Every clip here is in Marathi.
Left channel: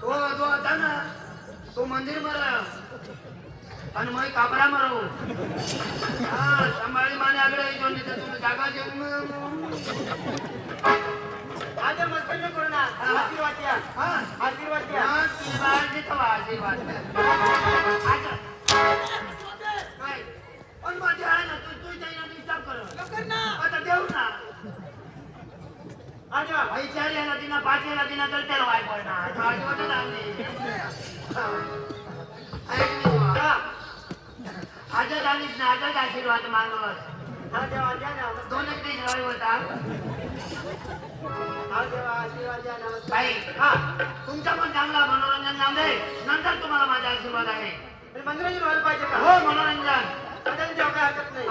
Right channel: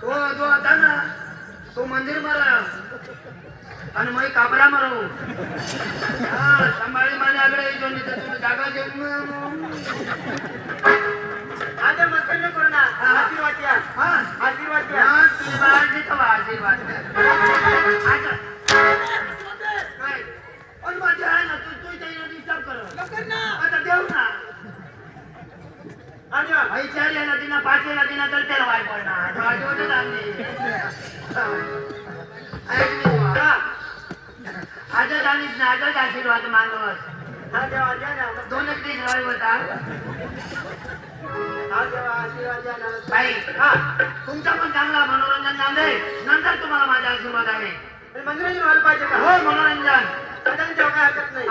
तो आता ना तो मंदिर मला आणि मग काबरा मारू संभाळी माझ्याकडे येतो नाही तर तुला जागा देऊन आता मस्त न करू ना आशीर्वाद द्या आशीर्वाद द्या आशीर्वाद आता काय पण माझे आहे ना तू त्याला डिस्टर्ब कर आता देऊ ना भाई चार याला तिना पाच याला तिना तर त्याला वाय पडणार होते आजच आलीच ना आजच आशीर्वाद मानवस दोन एक दिवस रवी होता भाई तुमचा पण चांगला मनोरंजन झालं दे नंतर तुम्हाला माझा आशीर्वाद आहे मनोरंजन व्हायला पाहिजे का हो मनोरंजन जेव्हा काय हरकत नाही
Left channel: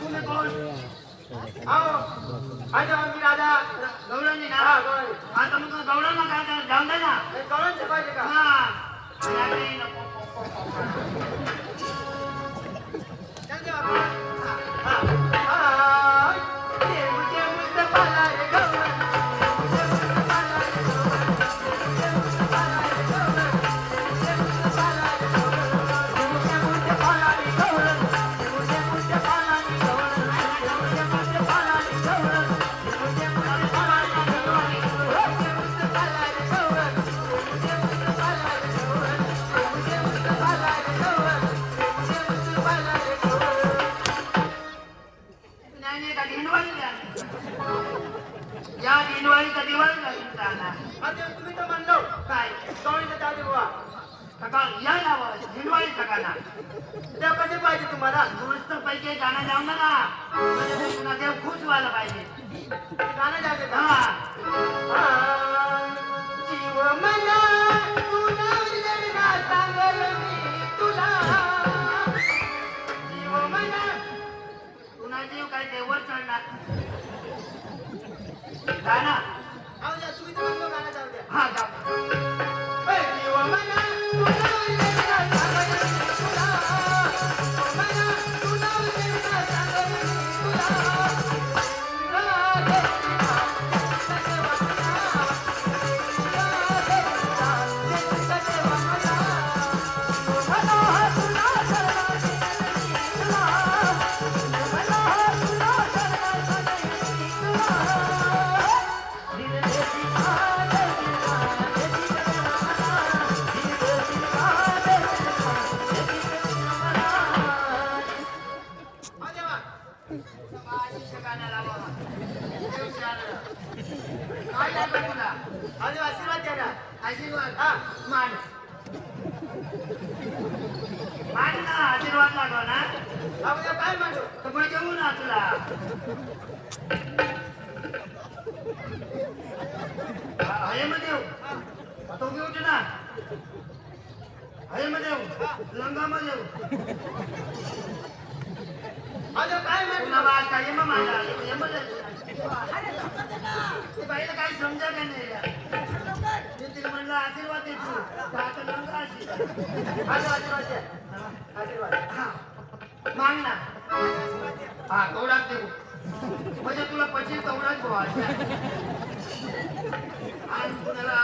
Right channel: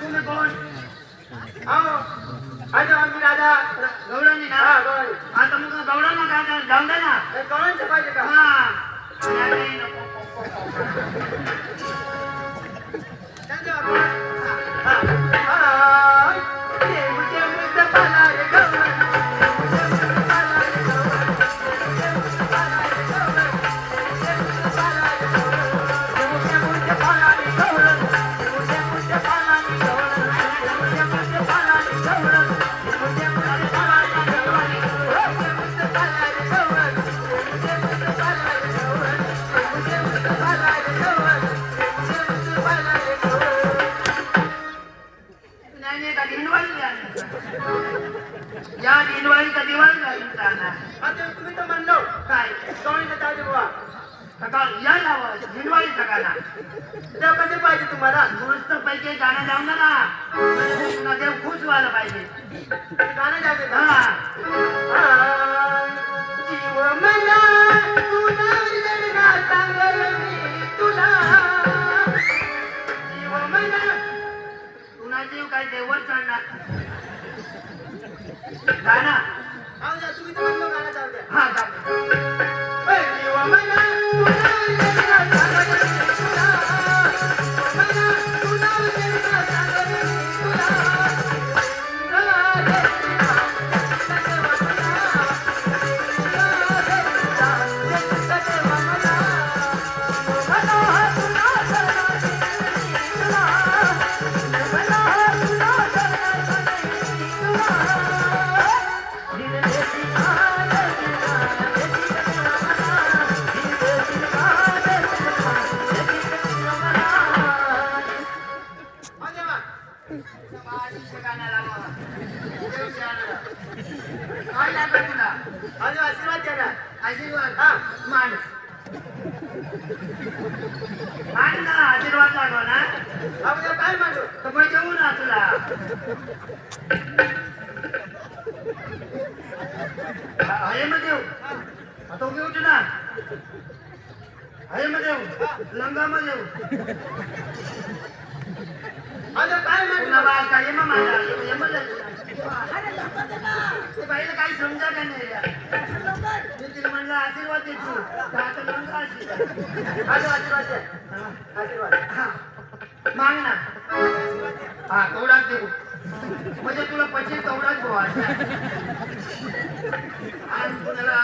तुम्ही कोण आम्ही राजा गौडांनी ना आता मग गौडांना काय जाऊन दे ना गौडांचं पाहिजे का या दिवाळी का दिवाळी तुम्ही तर म्हणलो काय सकाळ या दिवाळी सकाळला त्या कसे पाहिजे तुम्हाला मस्त पैकी गाणं जाऊन ना म्हणजे तुला देव खुश व्हायला पाहिजे गाणं जाऊ दे जीव मला तुला सांगल मी तुला जीव मला तुला जीव काय देवर चढणार गाणं तुम्ही तर म्हणलो गाणं जाऊ द्या हा जीव मला आशीर्वाद द्या ना आशीर्वाद मान मान ना आशीर्वाद लागो ना काय मागू तर मग जेवू ना तुला हये मध्ये तो घेऊ ना हये मध्ये लंगा मध्ये काय पुन्हा बाळ काय मग माझा बाईला काही समजा का नाही मी तिला म्हणलं आशीर्वाद देतो आता लंगा आशीर्वाद द्या आशीर्वाद माग ना हा कवडाच देऊ म्हणजे तुला पचीस कवडाच भावा आणि कुणाला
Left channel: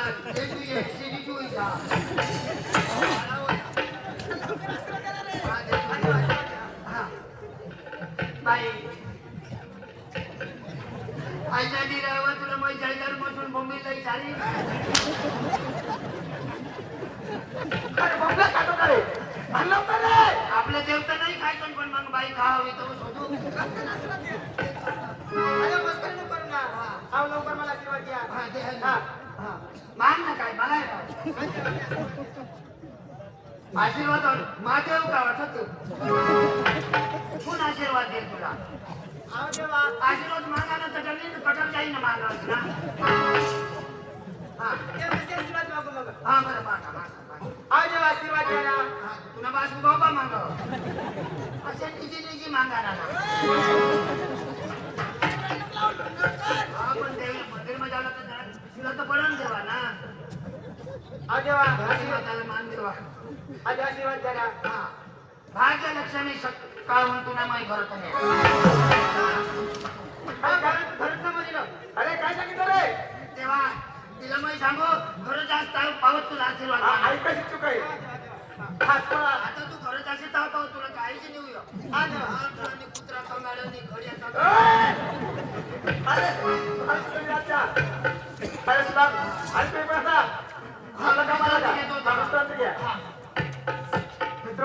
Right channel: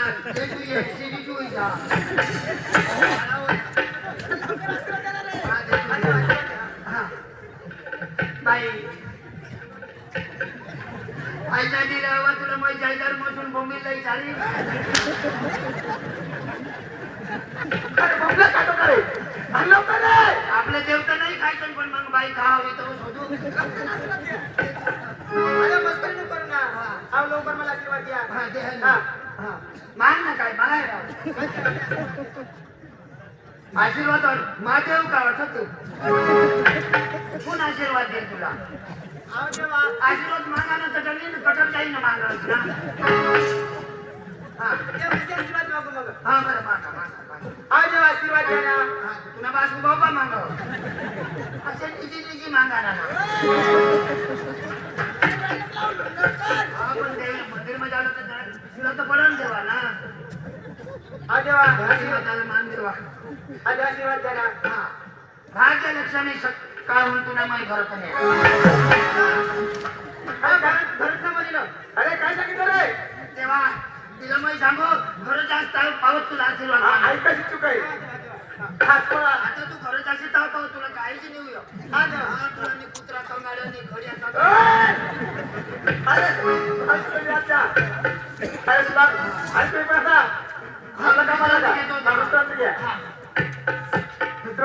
बाई आईच्या दिरावा तुला मग जायदार मधून बोंबीला झाली आपल्या देवता नाही खायचं पण मग बाई खाव येतो शोधू करू ना हा लवकर मला आशीर्वाद द्या मान ना काय मला आशीर्वाद महादेव का वाटत कोण आशीर्वाद देईल तुला आशीर्वाद मागा ना तर मागावंच ना. हा देवाचे आशीर्वाद मागू मग. हा बरं मागा मागा मागा. आव देवा आशीर्वाद द्या ना. हा तुला बासू बाबा मागाव असे निजी मागा ना. आपण देवी मंदिरमध्ये आलो तर तुला तर पडून देवा ना. आव देवा आशीर्वादाला मान देवा. आशीर्वाद द्या ना. हा भाग्यलक्ष्मी काळ म्हणतो ना माही घरात नाही. अरे घरात ना मध्ये ना. अरे काय सांगितलं रे? तेव्हा तिला मी सांगू खरं जास्त पावत तुला आशीर्वाद मागा. ऐकायची चूक आहे. आता तू खरं जास्त ताव पाव तुला काहीच नेऊ या. हा देवा. हा तुला मी कुत्रा कंगाड्या नाही घडी अरे तुम्ही आता अरे सुभाष आज तुम्ही पण आता मला का मला घ्या मित्र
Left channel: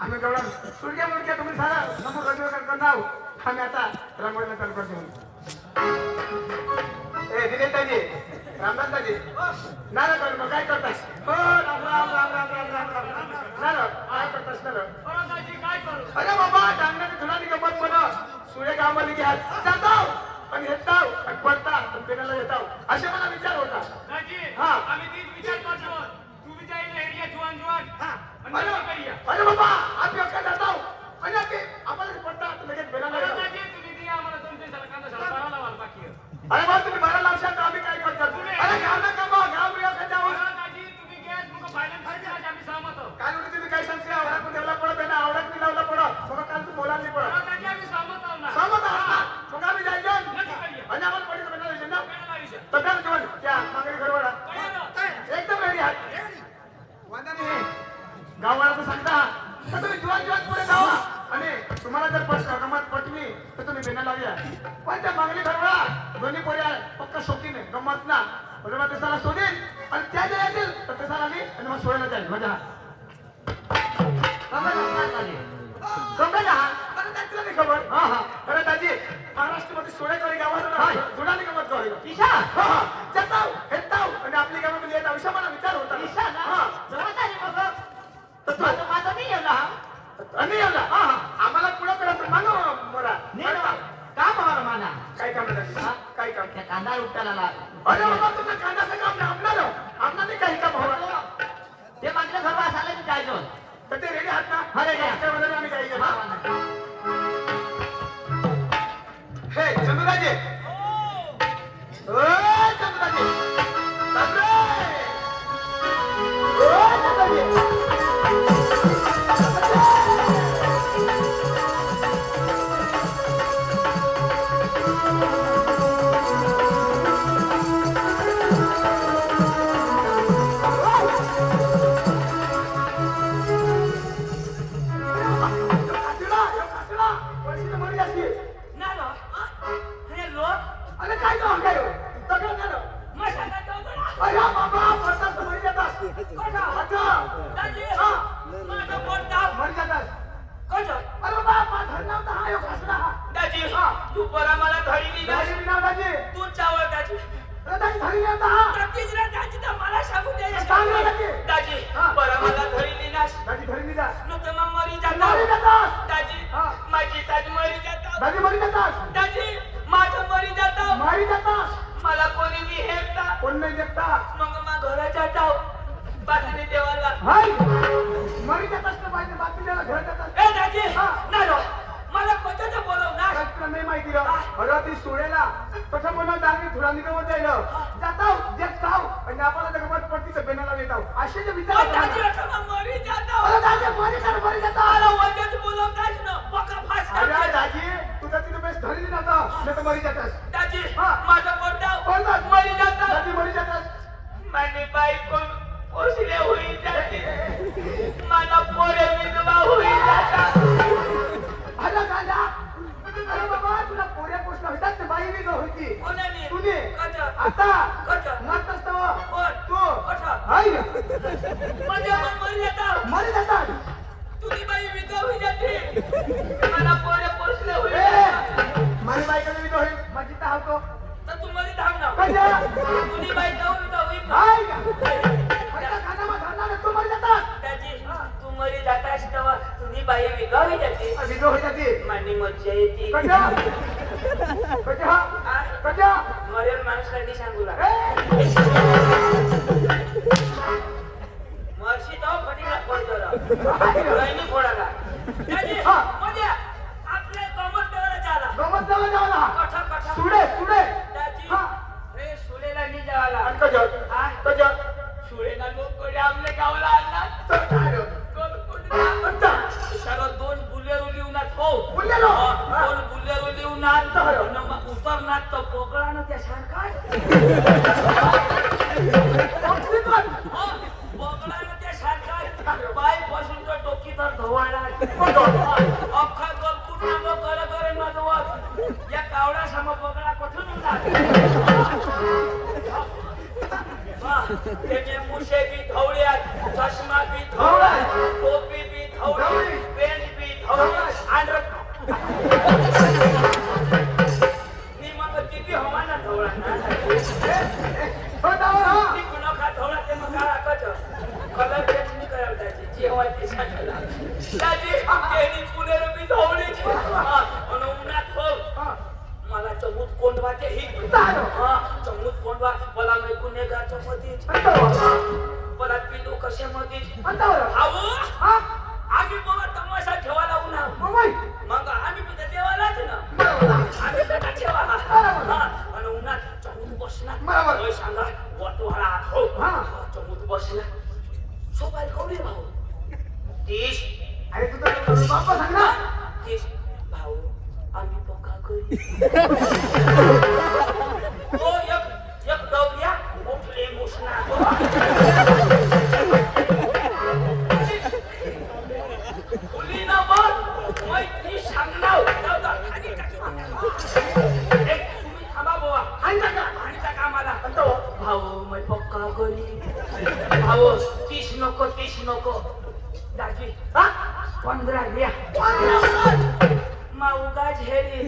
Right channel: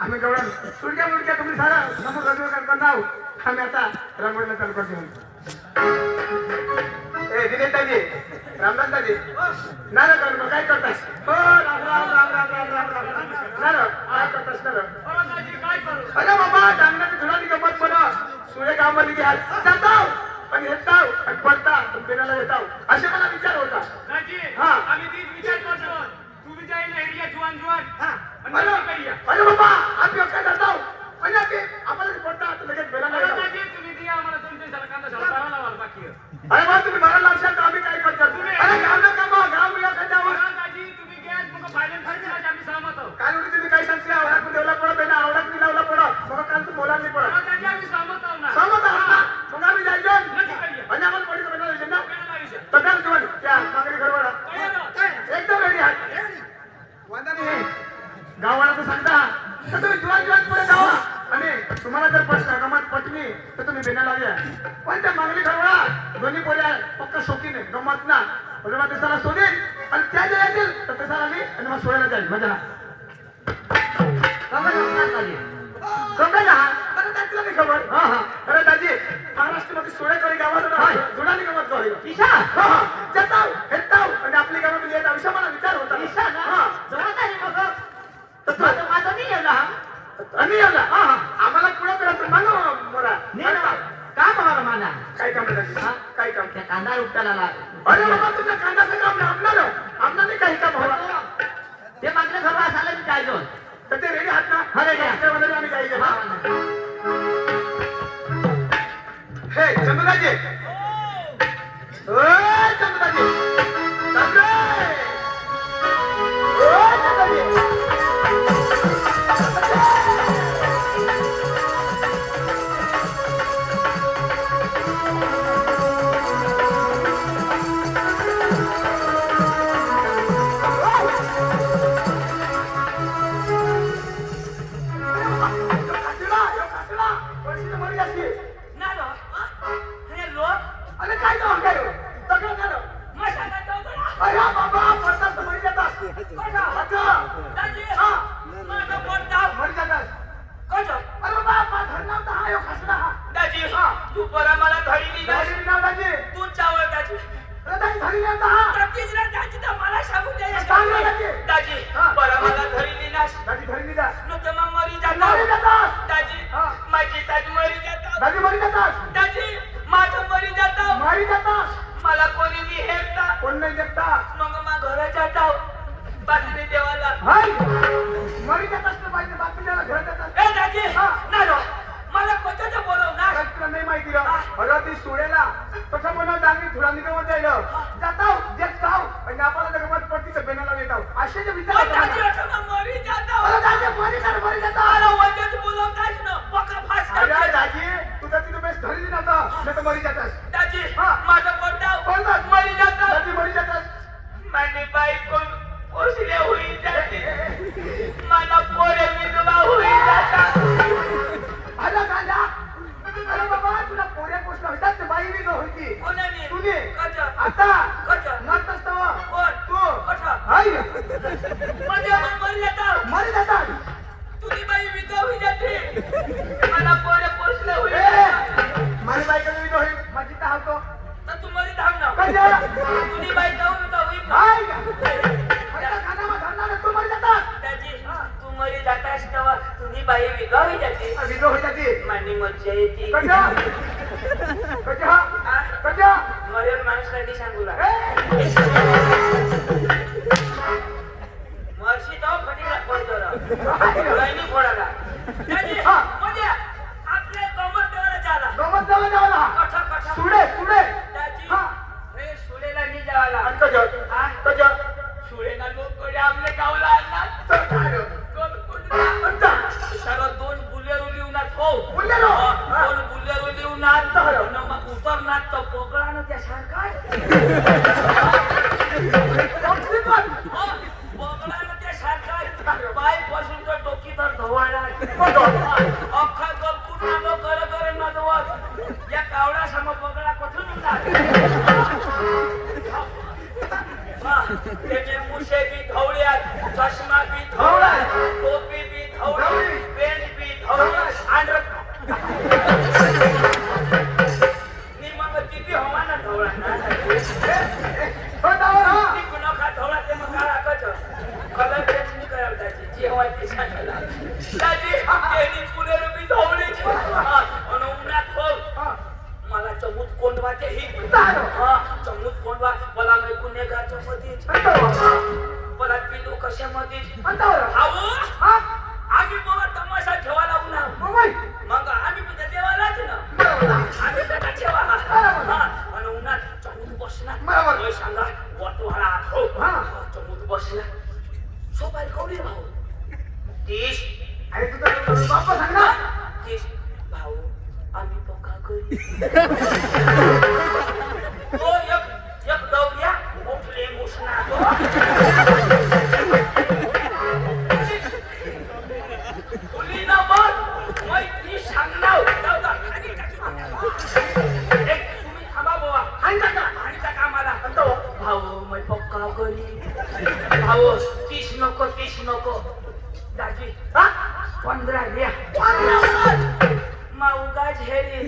आम्ही गवळण सुडक्या मुडक्या तुम्ही सारा समोर रजू करणार आम्ही आता रामगडला चालू करतो. ए दिनेशजी रामदासजी ना ना करू मग काय करतास? हो राम राम राम राम राम राम राम ना ना काय करतास ना? अरे बाबा डांगणाची थोडा गमत म्हणा सूर्य गावामध्ये घ्याल जाताव पण येताव आणि पडता तुमच्याला येताव असे मला विचार होता. हा अरे बाबा आम्ही काय जाताव आणि आम्हाला पडता लगेच बेला अरे बा तुम्ही मला लावशाल तर आम्ही काय करतात? अरे गाव ना कामा गाव मिळा खात्यावर काल उठी तुम्ही काय सांगते आवडा पण देवला पडत आहे ना आवडा मी लावला पडत मग काल तू बोलायला नाही पडत सहमत आहात ना मग आम्ही जायचं आणि आम्हाला पडी तर बनवायचे ना तब्यात जेवण त्या मागणी घरवाडा एकदम रेडी आहात वांदा नाही गावाला तर सांगता तर तुम्ही जीवन पुढे जावा आणि तुम्हाला जर गमत पटली तर तुम्ही बेना लावूया पण त्या मागणी घरवाडा दोन्ही पोऱ्या पक्का शौकीने गमत ना बरोबर ते साला शोधेल आणि त्या जे येतील तर ते साला मी आणि मग सोडायला जाईल मजा खबर हा हा अरे दाजी महाराष्ट्रामध्ये सोळेकरी गावात जुडाली गमत गावी जाताव हेताव आणि आपली गावामध्ये येत आयुष्य मला विचार होता आम्हाला पुढे करायचं मानो मोरा काम हमारा माना काय काम काय काम त्या कांदा उपटायला अरे बाबा तुमच्या कांद्याचं काम नाही आमनाने काही काम हवा ते मात्र खबर असायला मी काय दोन तर ते रेडी आहात ना हा रेडी त्यामध्ये आम्ही काही हे चंदुदाजी ओ चंदुदाजी तू परा मला घरी तू चावळ दाजी मला सांगू दे दाजी परा मला घरी निनाश नुकतं मग मरी जातात दाजी माझी ताज मरी जातात दाजी माझं मरी जातं मला कोणी मी हेपता कोण नाही देता मग मग घरा जाताव बातमी देवाला मरी जात असतं पाहिजे बातमीला घर जातात ए दाजी नाही मला कोणाचं बोलव ना तुला नाही माहिती अरे ती सोडेला कसं बनवत आम्ही थोडा निघवत जायला जाताव जेत जाऊ आणि आपल्याला तर गमत पडती तर बेनाला येताव असे जे विचार दाजी मरी जाताव अरे दाजी मरी जाता मला वजन बोलवताच ना पका फास अरे दाजी तुझा तिथे बेस्ट धरली नव्हता नाही तर मरी जातास दाजी माझं पोटाव कोणताच मरी जातात दाजी मरी जातास माझी बायको पोसले होई जाते मला पोरे विधवा होई जातात अरे दादा अरे बाबा तुला पोऱ्या पोचला होता ते बाई वेगळं होती कोणाने तुने कजा आता कजा मत असतो कोण तू कसा हाय म्हणजे मरी जातात मरी जातात तुझी बाई विधवा होई जाते मला पोरे पोसले होई माझी बायकोने वेगळं होईल माझी तर हावतो तर तू मरी थांब ना कशा तुझी बाई जाऊ विधवा होई हाय आता खानामा धरणार तू मरी जातात दाजी तू मरी जातास तेव्हा तुझी बाई विधवा होई जाते वेगळं होता ते माझी मज्जा येते कशा कशा कशा मरे माणूस सांगू लागला मर्शी तो फटीला पडतो राहिली फोडाला दाजी म्हणजे आपले गमत देवाला झाला गमत देवाला जावला कठा कठा सुडे सुडे दाजी हा. रे सुलेला नाही जावाला आणि कजत हा? कजत सुलेना लोक कडे आपले गावला आणणार तर काय रे? कोण सारा दोन बुलेरो लिहूनात हो बुलेरो? हा, दोन बुलेरो लिहूनात तर. मग उतरनात तर पोकळानं त्या सारखा ऑक्सिजन पोकळानं त्या सारखा पाय पासून तर डोकी तर धवळला बघ. अख्खा गलकूट नागो कर कर नदवत या कावडा सम पोकळा कुठून उठला त्याचे मुशे बी धवळ्यात चष्मा बी धवळ्यात टोपी बी धवळी पेंट बी धवळी आंध्र नी मग किती हवाना धवळा ना हो दावर हा ती कुणाका धवळा ते मग काळा कच कलर चेंज नाही करायला त्याची जी हवा ती सांगायला त्याची तेनी पुढे बी धवळीची आणि उन्हात हो हा. मला चमूत कोंडवा ते ही हा चमूत कोंडवा मला नाही गुन्हेगारच्या मध्येच मला पिलू कशामध्येच अंतावर हाऊ हा आम्ही बाबा तमाशा ठेवायला उन्हा मोबाईल मग आम्ही तिथे देवालाच ना आम्ही त्याला ठेवा हा आणि उन्हात चमूत बसणार बरोबर. होय सांगा वाटवाळा आत हो हा. चमूत बसला सोपारी कवडी भाऊ 30 अरे तुझा बाप्पा सांग ना 30 भाऊ आम्ही पक्का करी ओ एक दौड्या उठले मुसना उली ना बघ मैं ती सांगणार जाऊ खाली एक तुम्ही थांबा बुवा आणि टाका आणि टाका आम्हाला अंतो भाऊ मैं पक्का करी भाऊ 30 नको दाजी हा 15 द्या माऊगा झेरी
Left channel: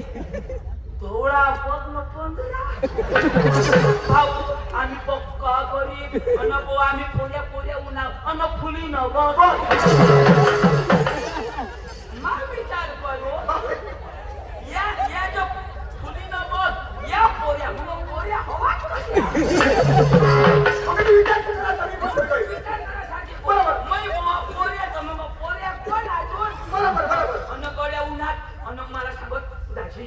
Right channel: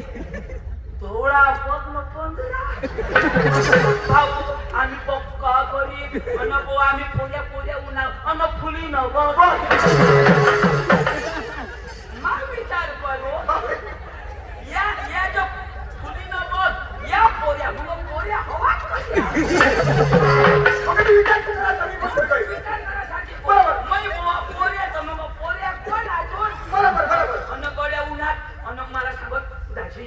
थोडा बघ न 15 भाऊ आम्ही पक्का करी अन बो आम्ही पोऱ्या उन्हा अन फुली न बघ मा विचार करो या जो फुली न बघ या पोऱ्या मग पोऱ्या हवा मग मी विचार करणार तरी बरोबर काही. विचार करासाठी बरोबर. मै बुवा पोऱ्या तर मग पोऱ्या कोण अजून बरोबर अन गड्या उन्हात अन मला सांगत दाजी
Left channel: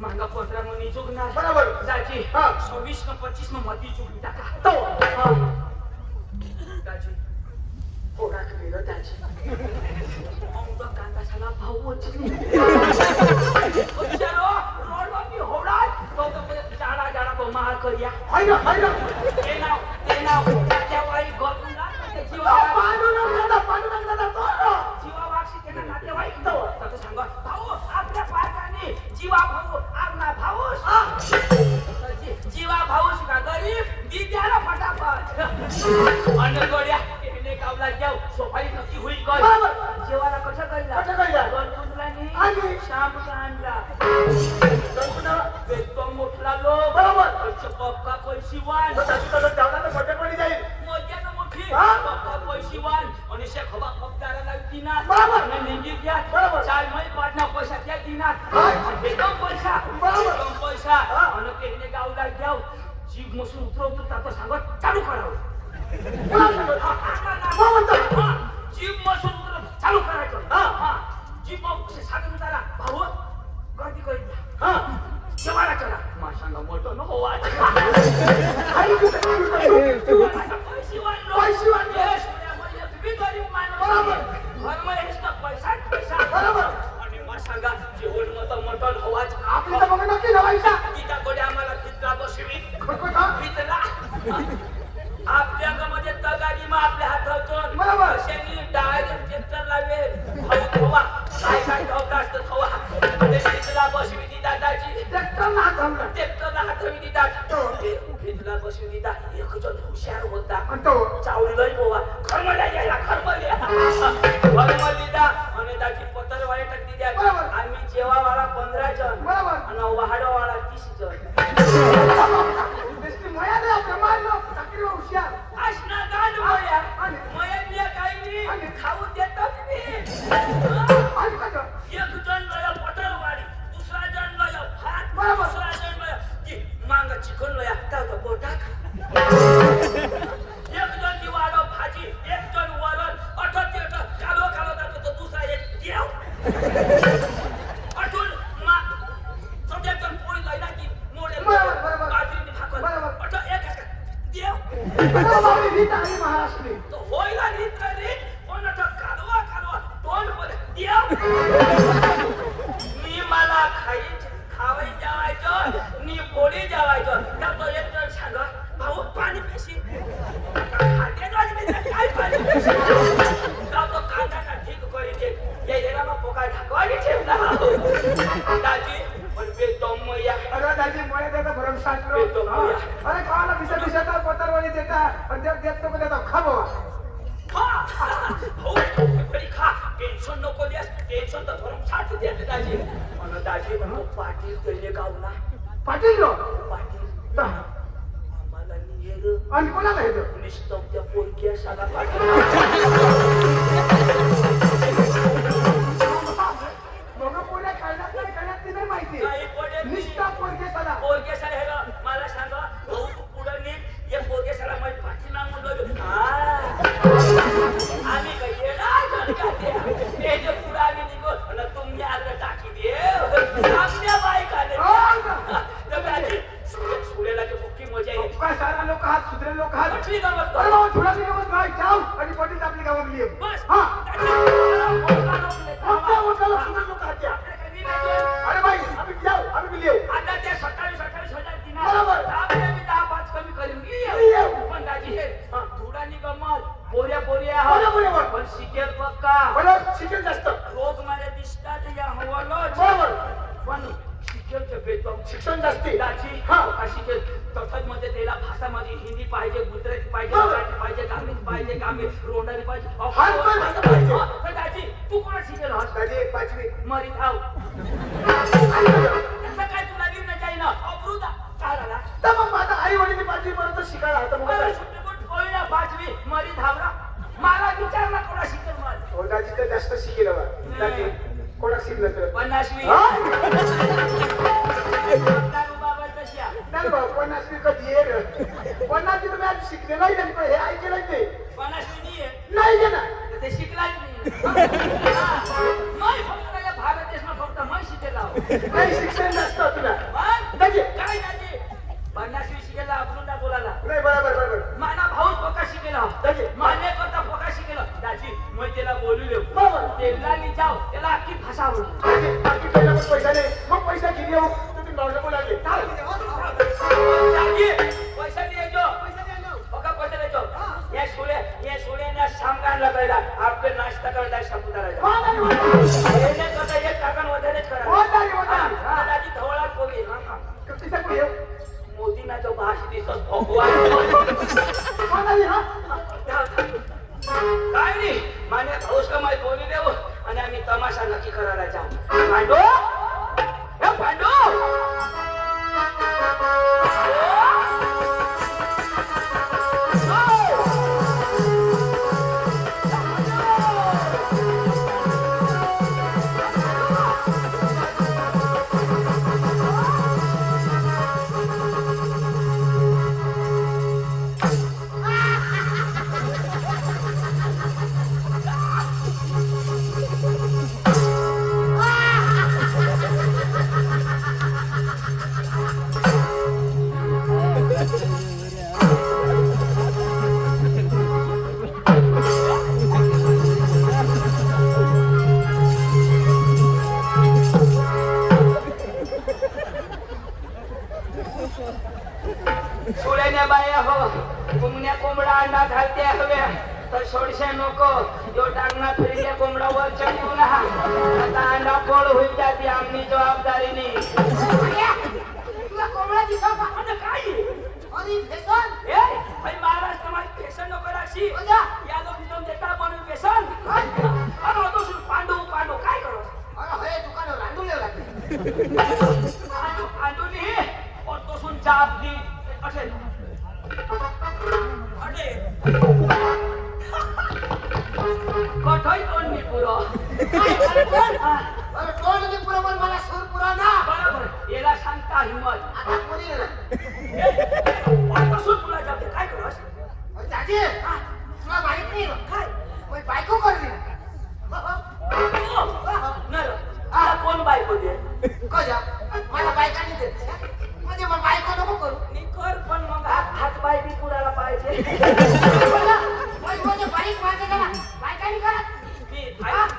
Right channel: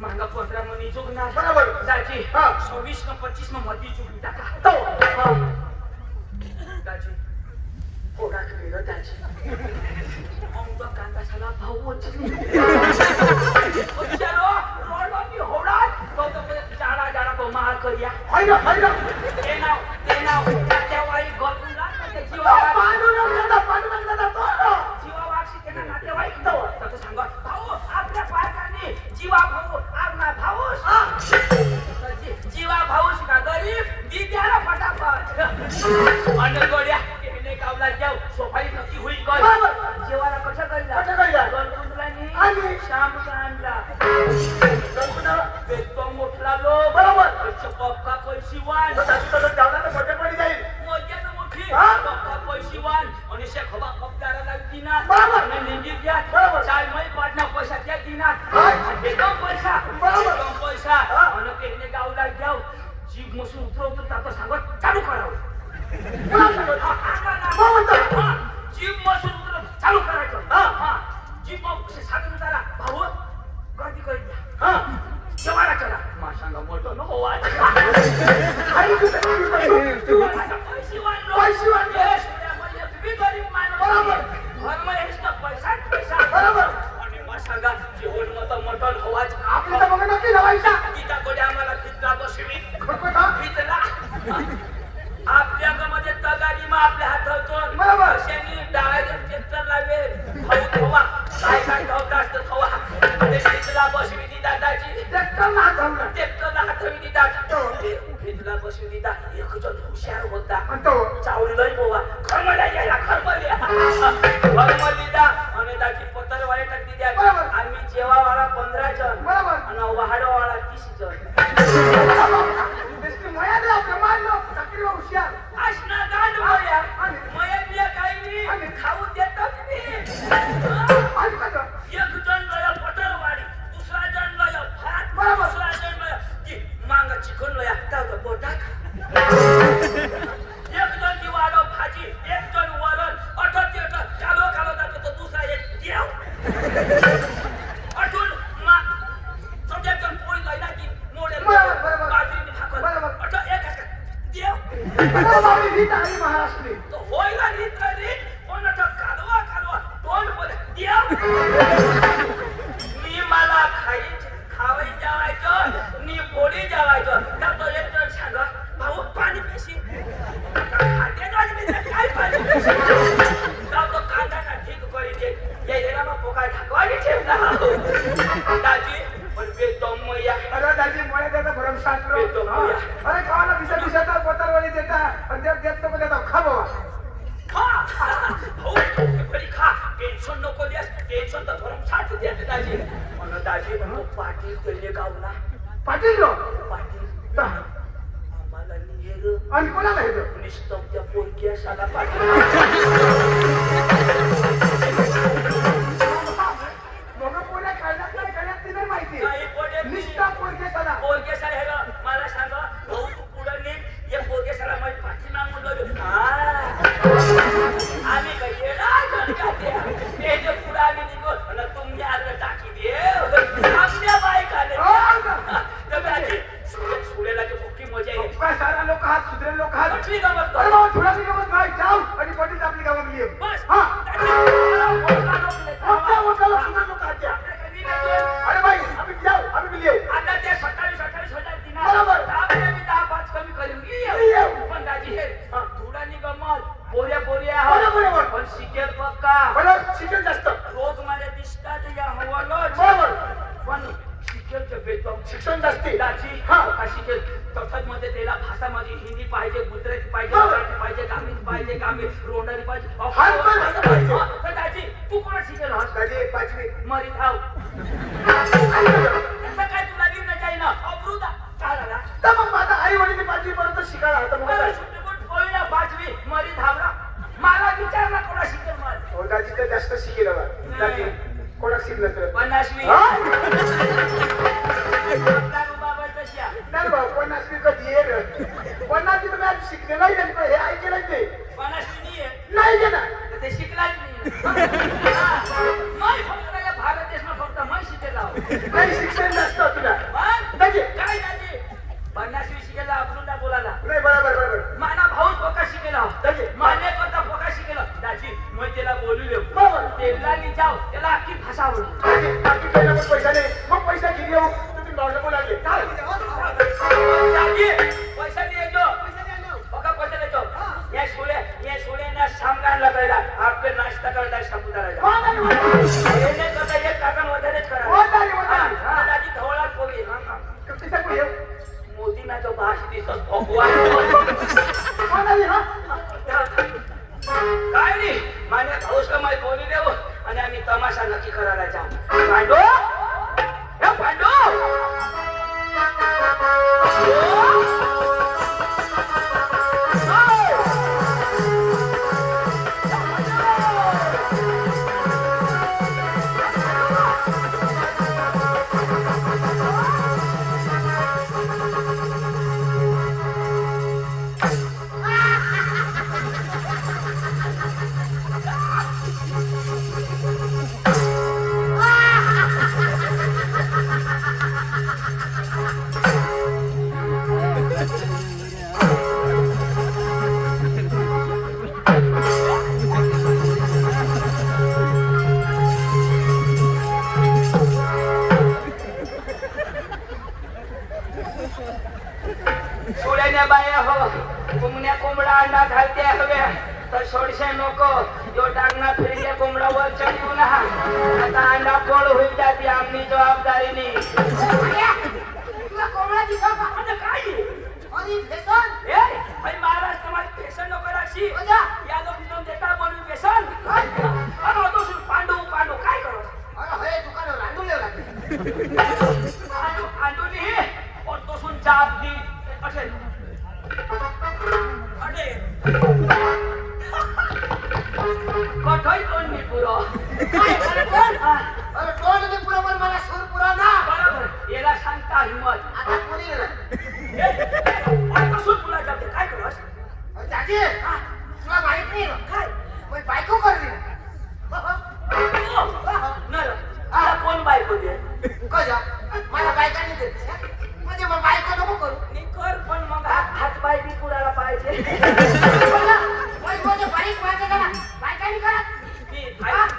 मांगा 15 मनी चुकणार बरोबर. दाजी हा. 26 न 25 न मती चुकली टाका तो हा. दाजी होडा केलं दाजी अमका कांदा साला भाऊ वचली चलो रोडवा की होडा तो जाडा को महाल करिया हायला ते नाव त्या वाई गपुला त्या पांडुरंग दादा तो जीवा वाक्षी त्यांना नातेवाईक तर सांगा भाऊ आपल्या पायकाने जीवा भाऊ आपला भाऊस जीवा भाऊस का गरीब दी द्याला फटाफट आणि गोड्या केले कावला जाऊ सोफाई नक्की होईल काय जेवाला कसं कळला दोन कुंडलांनी आणि शाम आणला गणपुना बेतो मोठला लोक बरोबर. पप्पा पैशीवान तो जावला तर मोठे पडी जाईल मोठ्यानं मोठी हा? पप्पा पैशीवान आणि शेखोबा पप्पाला लागती ना बरोबर. आणि निंदी द्या बरोबर. चाल मै पाटना पैसा त्या दिनात हा? बेदम पैसा बरोबर. बेदम पैसा हा? आणि तेने गावला जाऊ जीभ मसून उतरवतो आता सांगत चालू करावं हा, जीभ मसून उतरव चालू करायचं हा जीभ मग साधन उतारा भाऊ गर्दी करीत द्या हा जेवायला चला माशांगा मोठं नको वाट आणि पैशीवान. बरोबर. आपली तर मग नक्की लावायचा आपल्या मध्ये तगारी मग आपल्या हातातून बरोबर. डायरेक्ट ट्रॅक्टर लावेल हवा काय काय ठेवता असतं हवा भितला बसवी ती दादाची ट्रॅक्टरला हात घालला. ट्रॅक्टरला हातवी देतात भितला बसवी देतात एक जण हुशार होता आणि तो चावलं पोवा खरमल्या गेला खरमल्या आणि त्याची पत्र वाळे टाकली द्या बरोबर. आम्ही जेवावाला 15 जण बरोबर. आणि वाढवावाला 30 जण बेस्टी मया दे आपल्या मारलो टाकली हुशार असणार गांड मोया आणि? मया काही आणि? नाही खाऊ देतात मी आणि कसं एक जण लया पटर वाडी दुसरा जण लया भात बरोबर. दुसरा जण लया ती मांगा चिकन लया अरे बाबा, रीत आहे महाराष्ट्री. तो होईल रीत रीत कोणाचा कालवा कालवा तोंड बोल देव मी मला खावाई जेवायचं नी पोळी जेवायचं त्या तो एक जण सांगा भाऊ पाणी पेशी खाते काय पाणी पेशी त्या तो कांदा ना ठीक करी दे यायला मग पोका ढाकवानी ठेव ना दाजी पण बेदम या अरे दाजी मोळे देता भरमशास्त्र. बेदम या अरे खावाला दिशा पोतारवाणी देता पण देत नको देता खा बाबा. हो बरी खा टेन्शन नको द्यास टेन्शन तर भरून साठ द्या दाजी म्हणून दाजी तो पाटील तरी गावला पाटील रो पाटील ता. आम्हाला निहेर आणि कोणाला हे निस्तम त्या पोरकी असाला पाटील मग कोणा खायला नाही खाण्यात ती नाही माहिती. काही पोटे निष्ठा पोरगे सला. पोरकी असाला हे मला सांगा भाऊ तू पुढे निघ या पोरकी असाला माझी पाठी ना म्हणलो आम्ही काही येणार ते जे पुढे आम्ही निघो आणि तुम्ही आलं टाकी दे आमच्या बायकाने तर दाजी सुडेला जे मुख्य मजा आहे काय सारा लोक हात सुधरे लोक हात. कुठली गमत अरे बाबा थोडा मी गमत नाही जाऊ आणि पाटील आपली गावात ये. बस हा आता आपल्या वडिलाला सुधरे लोक हात द्या. अरे बाई आम्ही जाऊ आम्ही बी येऊ. ते 27 हजार दिना बरोबर. आपल्या मी 10-5 कमी करून येऊ. पण दाजी हे धुडानी गमत बोऱ्या बोऱ्या, बोऱ्या बोऱ्या. पण शिकेल पक्का बरं शिकेल जास्त. रोग मला दिसतात या हवालोच बरोबर. पण शिकेलचं बेतम शिक्षण जास्ती. दाजी हा. का शिकेल तसंच मध्ये त्याला भाषा माझी हिंदी पाहिजे गुजराती पाहिजे बरोबर. मराठी पाहिजे गामीच पाहिजे गामी रोंडारी पाहिजे हर कोण भाषा पाहिजे. तर दाजी तू कोणा शिकेल हस दाजी पाचवी. मरी थाव असं काय तुला घेऊन जाईना अप्रूदा काय झाला तर मग माझा आई वडील पाचवी पर्यंत शिकायला होतं मग मला काय? सुट्टीबूट पोळीला 5वी मरी धावला मला विचारला कोणा शिकेल मला हो दाजी तर जास्त शिकेल बा. दाजी कोणाक शिकलं तर 50वी हा? आपला रुबाब आहे तशी आहे. नाही भाऊ 50वी कधी ये रे. 50वी तर मी शिकले नाही नेमकं हे ऐकलं ते 50वी नाही आहे नाही गे ना. तर ते शिकलाच नाही हा. मग फक्त या भारत देशમાં फक्त मग शिकेला नाही शिक्षण जास्त तुला. पण दाजी काय दाजी 50वी शिकेला आपलं बोलायला नाही बरोबर बरोबर. माना भाऊ पोका शिकेला दाजी माने करता पोका शिकेला दाजी मग त्याला बोलू दे बरोबर. त्याला जाऊ त्याला अख्खी भाषा आवडू दाजी बाकी पहिला मग पैसा नाही मग पैसा घेऊन येऊ तुम्ही नॉर्मल बोलाले. दाजी पैसा द्यायचो बघा पैसा द्यायचो या सोड्याने सामना लगायला आपले नाश्ता करायला सापुतारा हो दाजी, हो दाजी. येणे करता एक काकण वगैरेच हो करा दाजी, हो दाजी. हा दाजी धवळा पोरी किती सकू येऊ? मोदी ना जो भाष दिसत भगवान हो दाजी, हा. काय नाही माने भाऊस कमाई बोली देऊ आणि आम्ही तमाशा नक्की करायला जाऊ पांडू हे पांडू सोड्याने बाया हो कोंबड्या कोंबडा अंडा घालते हवे तर सोडशे नको जो टांगना फिरल्या कोंबडा वर चढू ना आता अंडा फोड होईल जाते आमनी जबाबदारी नाही तुला कोंबडा दिसला का? आता काय आणि फेसन? ए भाई महाराष्ट्र मध्ये फेसन नको राशी कोणत्या? या लोक दोन देता बनवून फेसन अरे तो पांडू पांडू काय करू अरे हे दुकान रांडून लागले. पांडू पांडू नाही और तो सुन चाप दी असे अरे कठोई कोण मी पुरो अरे कोण नाही पुरा पण मला सूर पुरा ना. बरोबर याला सांगता हिम्मत आता कोणी गेलं? पासून तुला जाते काय करस अरे दाजी, तुला माहित नाही का? काय कोई बायको करली ना. नर आता कोण बायको दे कशा? मला बायकांनी देते. म्हणजे मग बायको नको करू. मी कर पण मग हात बाय बी पुराला पाहिजे कोणी बारीक माणसं त्याला बायका नाही करत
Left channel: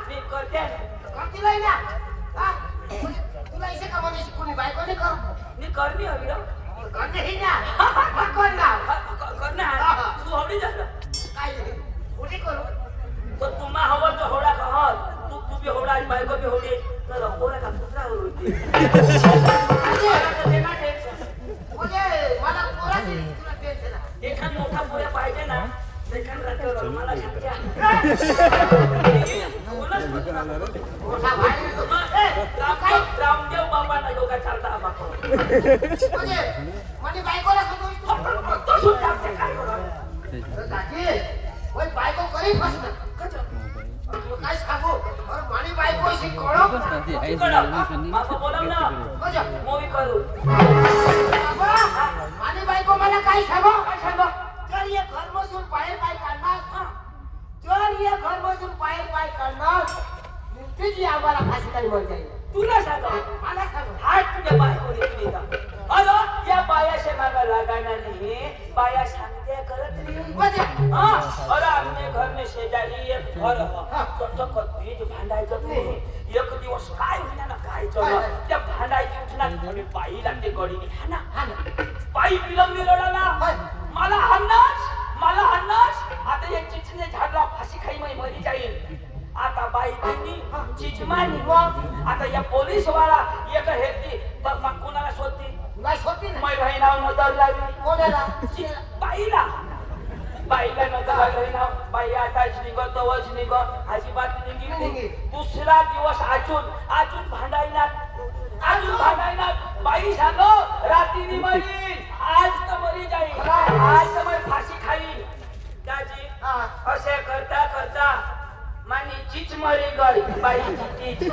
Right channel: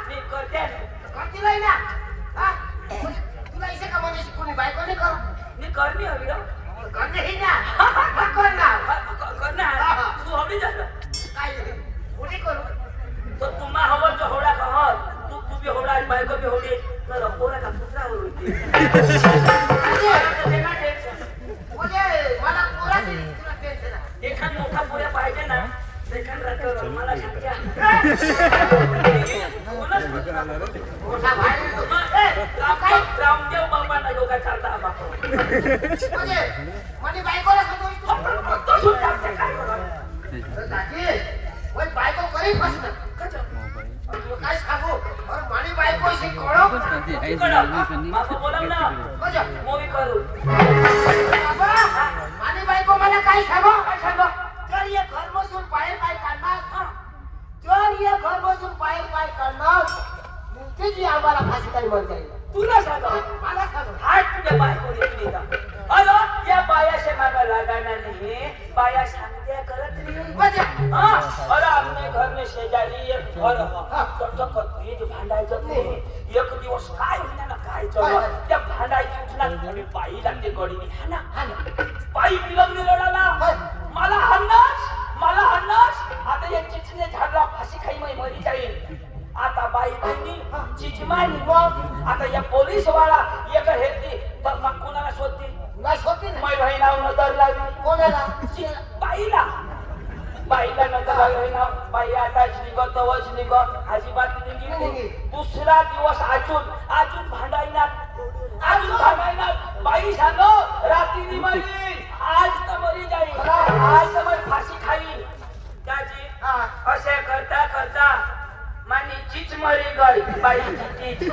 मी करते करती नाही ना हा? तुला इथे का म्हणे कोणी बायको नाही करू मी करणी हवी ना करणे ही ना मग कर ना करणार तू हवी झालं काय कोणी करू तर तुम्हा हवं तर होडा कहत तू बी होडा बायको बी होडी तर पोरा का पुत्रा होती म्हणजे मला पोराची तुला टेन्शन आहे एखाद मोठा पोऱ्या पाहिजे ना एखाद रात्र मला सांगत्या मोठा भाई रामदेव बाबांना योगा चालता बापा म्हणजे बायकोला सांगतो तो सुद्धा काय करत दादी ओय बायको करी प्रश्न काय सांगू अरे मानी बायको शी कळो बापा बोलाव ना मजा मूवी करू बाबा मानी बायको मला काय सांगो जर ये घर बसून पाय काढणार जर ये घर बसून पाय काढणार नुकतीच आम्हाला फाशी काही मर जाईल तुला सांग मला सांग हात तुझ्या बायकोने तुली का अरे या बायाशे मागा लागाना नाही बाया सांगते करत नाही मजा अरे आमने घर में शेजारी एक घर तो कधी भांडायचं ते एक दिवस काय होईना ना काय चला त्या भांडायची उठणार आणि बाई लागते गडीने हाना बाई बिलवली रडाला मला हाणणार आता या चिचने झाडला फाशी खाई मरी जाईल आता बाई त्यांनी चिचमानी मग आता या पोलीस वाला एक हेरती तर मग कोणाला शोधते नाही होती ना मै भाई नाव नजर लावली कोणाला बाईला नजर लागली ना बाई आताच निघत तवच निघत अजिबात निघली दुसरा दिवस अजून भांडायला बाई सांग रात्री मरी आज तर मरी जाईल आज तर मग फाशी खाईल त्याची असे करता मानी चीच मरी गई बाईची चीच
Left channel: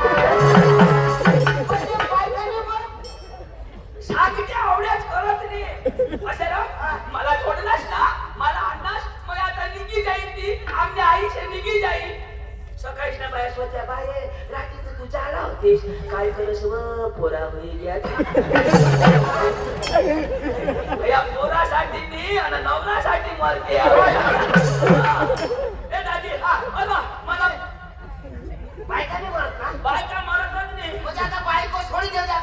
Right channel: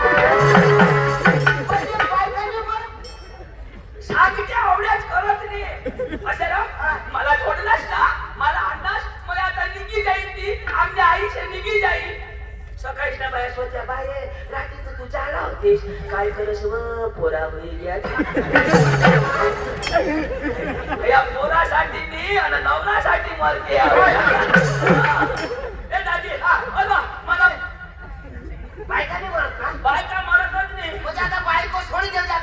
सांगत्या एवढ्याच करत नाही असं ना मला सोडलास ना मला आणलास मग आता निघी जाईल ती आमच्या आईशी निघी जाईल सकाळीच ना बाया होत्या बाये रात्री तू जाला होतीस काय करस व पोरा होईल या पोरासाठी नाही आणि नवरासाठी मरते ए दादी मला बायकाने मरत ना बायका मरतच नाही म्हणजे आता बायको सोडी देऊ द्या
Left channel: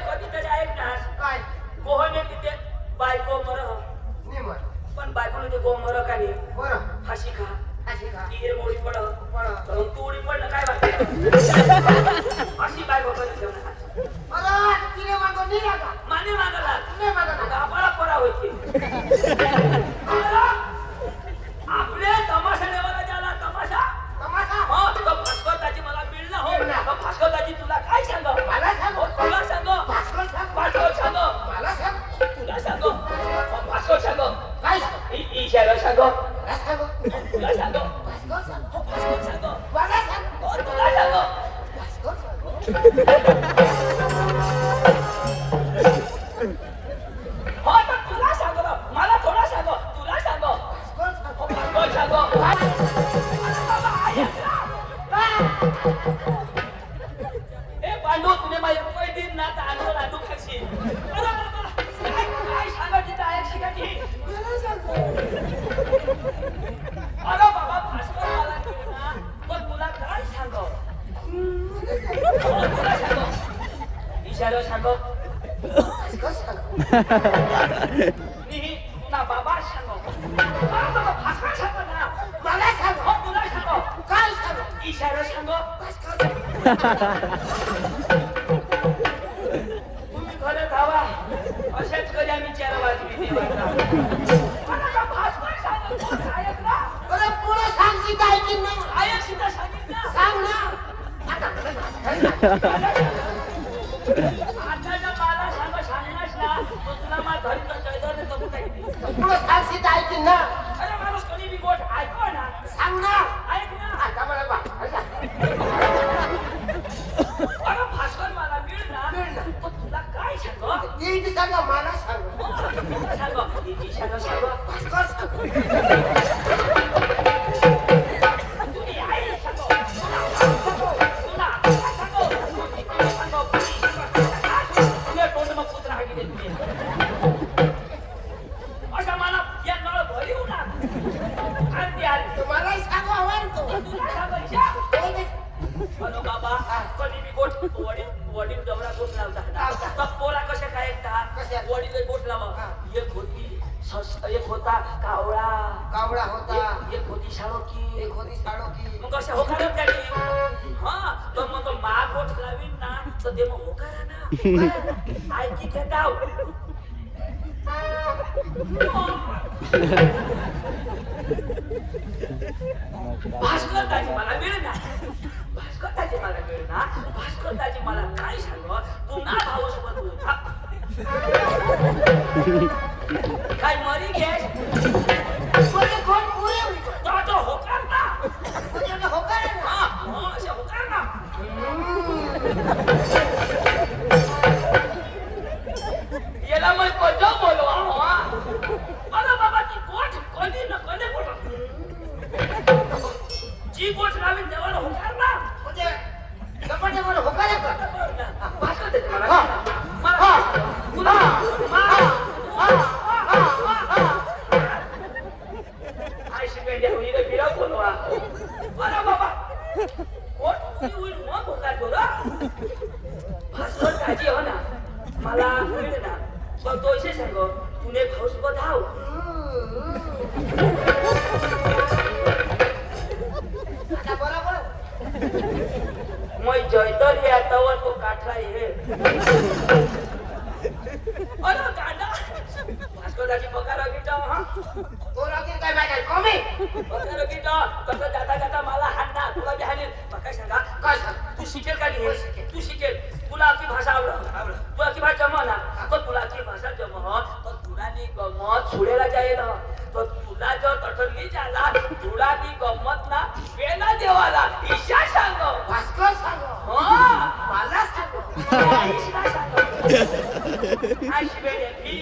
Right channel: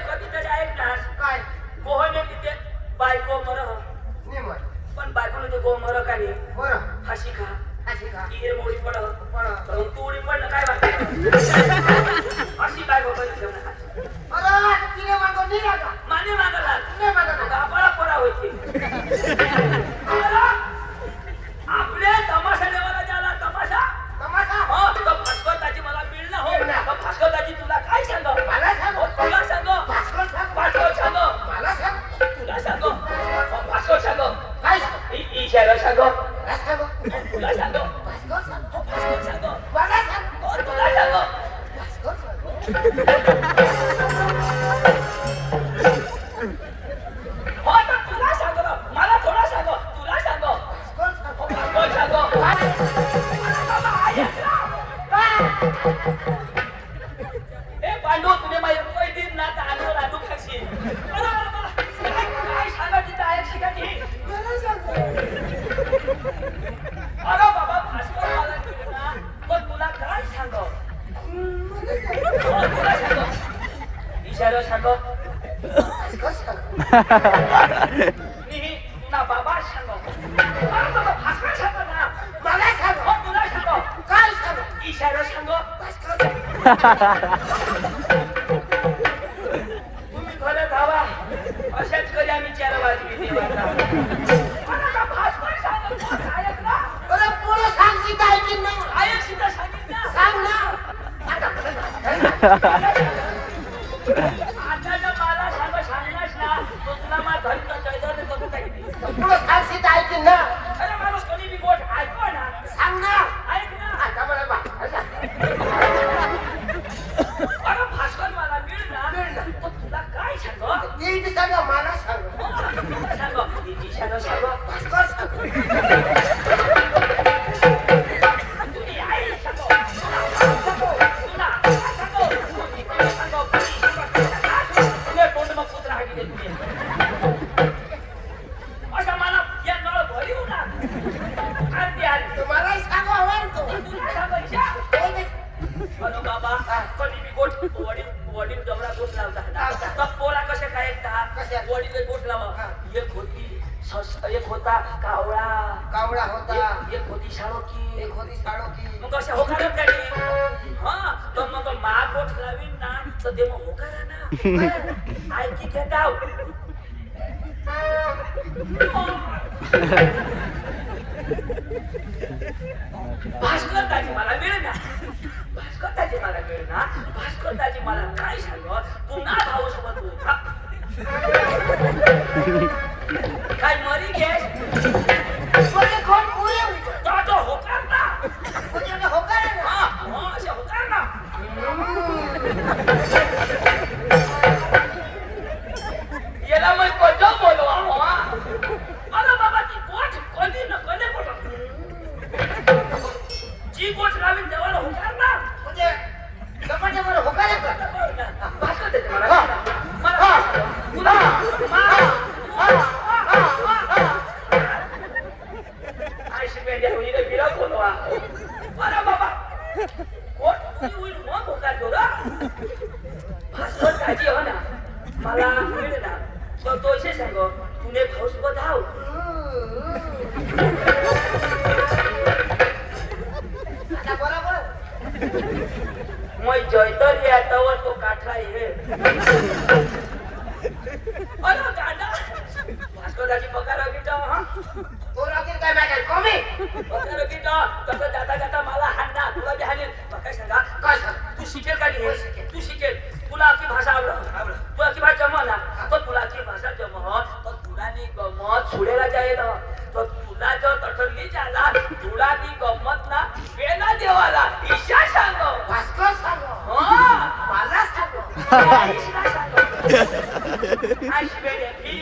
कधीतरी ऐकणार काय गोहने तिथे बायको मर नाही मर पण बायकोने ते गो मर का नाही बरं फाशी खा अशी का ईर मोडी पड पण तर मग तू उडी पडलं काय बाकी अशी काय होतं अरे तिने मागो नाही का मान्य मागला नाही मागो गावाला पोरा होती आपले तमाशा देवाला जाला तमाशा तमाशा हो तो भास्करताची मला मिळणं हो तो भास्करताची तुला काय सांग मला सांग तुला सांग भास्कर सांग भास्कर सांग मला सांग तुला सांग भास्कर सांग काय सांग इशारा सांग मला सांग तुला सांग भास्कर सांग भास्कर सांग मला सांग तुला सांग भास्कर सांग हो तर तुला सांग मला थोडा सांग तुला सांग भास्कर सांग भास्कर सांग ए पांडू तुने माझ्या रुपये दिन ना तर आणू खाशील काय सांगा तिथं आहे शिकायची अरे बाबा भास्कर मला घेऊ ना पण तुला काय सांग तुला सांग इशारा सांग भास्कर सांग ना बाबा सांग भास्कर सांग ना मला सांग हो तुला सांग काय सांग इशारा सांग भास्कर तुम्ही घरे धावा असेच कधी आम्ही 4 वाजवी देवाचा भास्कर सांग ऐक ना अरे पुढे सांग सीता आहे की नाही ऐक सीधा सांगितलं सांग ना आता आता मला सांगलास ना तो तुला मला धरी जयदर करू काही पुढे सांग सीता आहे की ना अरे माणूस कधी बी गोष्ट ऐकवा ना सांग ना ऐक ना आता मला बा अरे भास्कर मला मिळ ना तो तुला काय सांग नीट सांग मला सांग तुला सांग इशारा सांग भास्कर सांग तुम्ही आई सांग तुला सांग तुला तोंड मग पुत्र हाकी दे तुम्ही अशा मला या नळ भरी होणार बॉडीला बोट लावा एक होता कावळा कावळा होता, एक होती शाळोकी एक होती साळोकी. मग अशा होकारच गाडी हा तर मग मा बोट लावीन ना तर ते मग होकारा ना ऐकी घेताव भास्कर दाजी मला मिळेना भास्कर दाजी मला मिळेना भास्कर दाजी मला काय सांग तू ना भाऊस बदलू काय मरी गेस म्हणजे कोण पुरे होईल? तो होकार ना म्हणजे होकार आहे ना? हा अशा होकार ना याला मग कोणतं बोलवा अरे बाबा ती गोठ कधी न कधी गोठ जी गोठ लावीन तेव्हा होकार ना म्हणजे गप्पाच्या बरोबर होकार आहे का? भास्कर देते मला मला तुला आयशी पेंड्या होईल बिरा बोलवा अरे बाबा गोठ होईल मग होकार करू भास्कर काळजी हो ना मला मिळ ना पण तो असे सांग तुने भाऊस बधाव आता बरोबर. मग जयतर यातवर तो काठा ये अरे दादा भास्करदाची पगार गिटा हा तो लागेल काय मॅटर कमी. पगार गिटा तसं जाता जाता मला हाणणार तुला बी हाणेल काय सांगा काय सांग? तू शिकेल का नाही तू शिकेल तुला आपली भाषा आवडत तू आपली भाषा जमा ना तर तुला आपली भाषा जमा तर तुला नी गमत सुडेला जाईल तर तुला जर तठली जाला तुला नी गमत ना वेला देवाला ईशा सांग भास्कर सांग. मला सांग. ईशा सांग आशी बेडे भी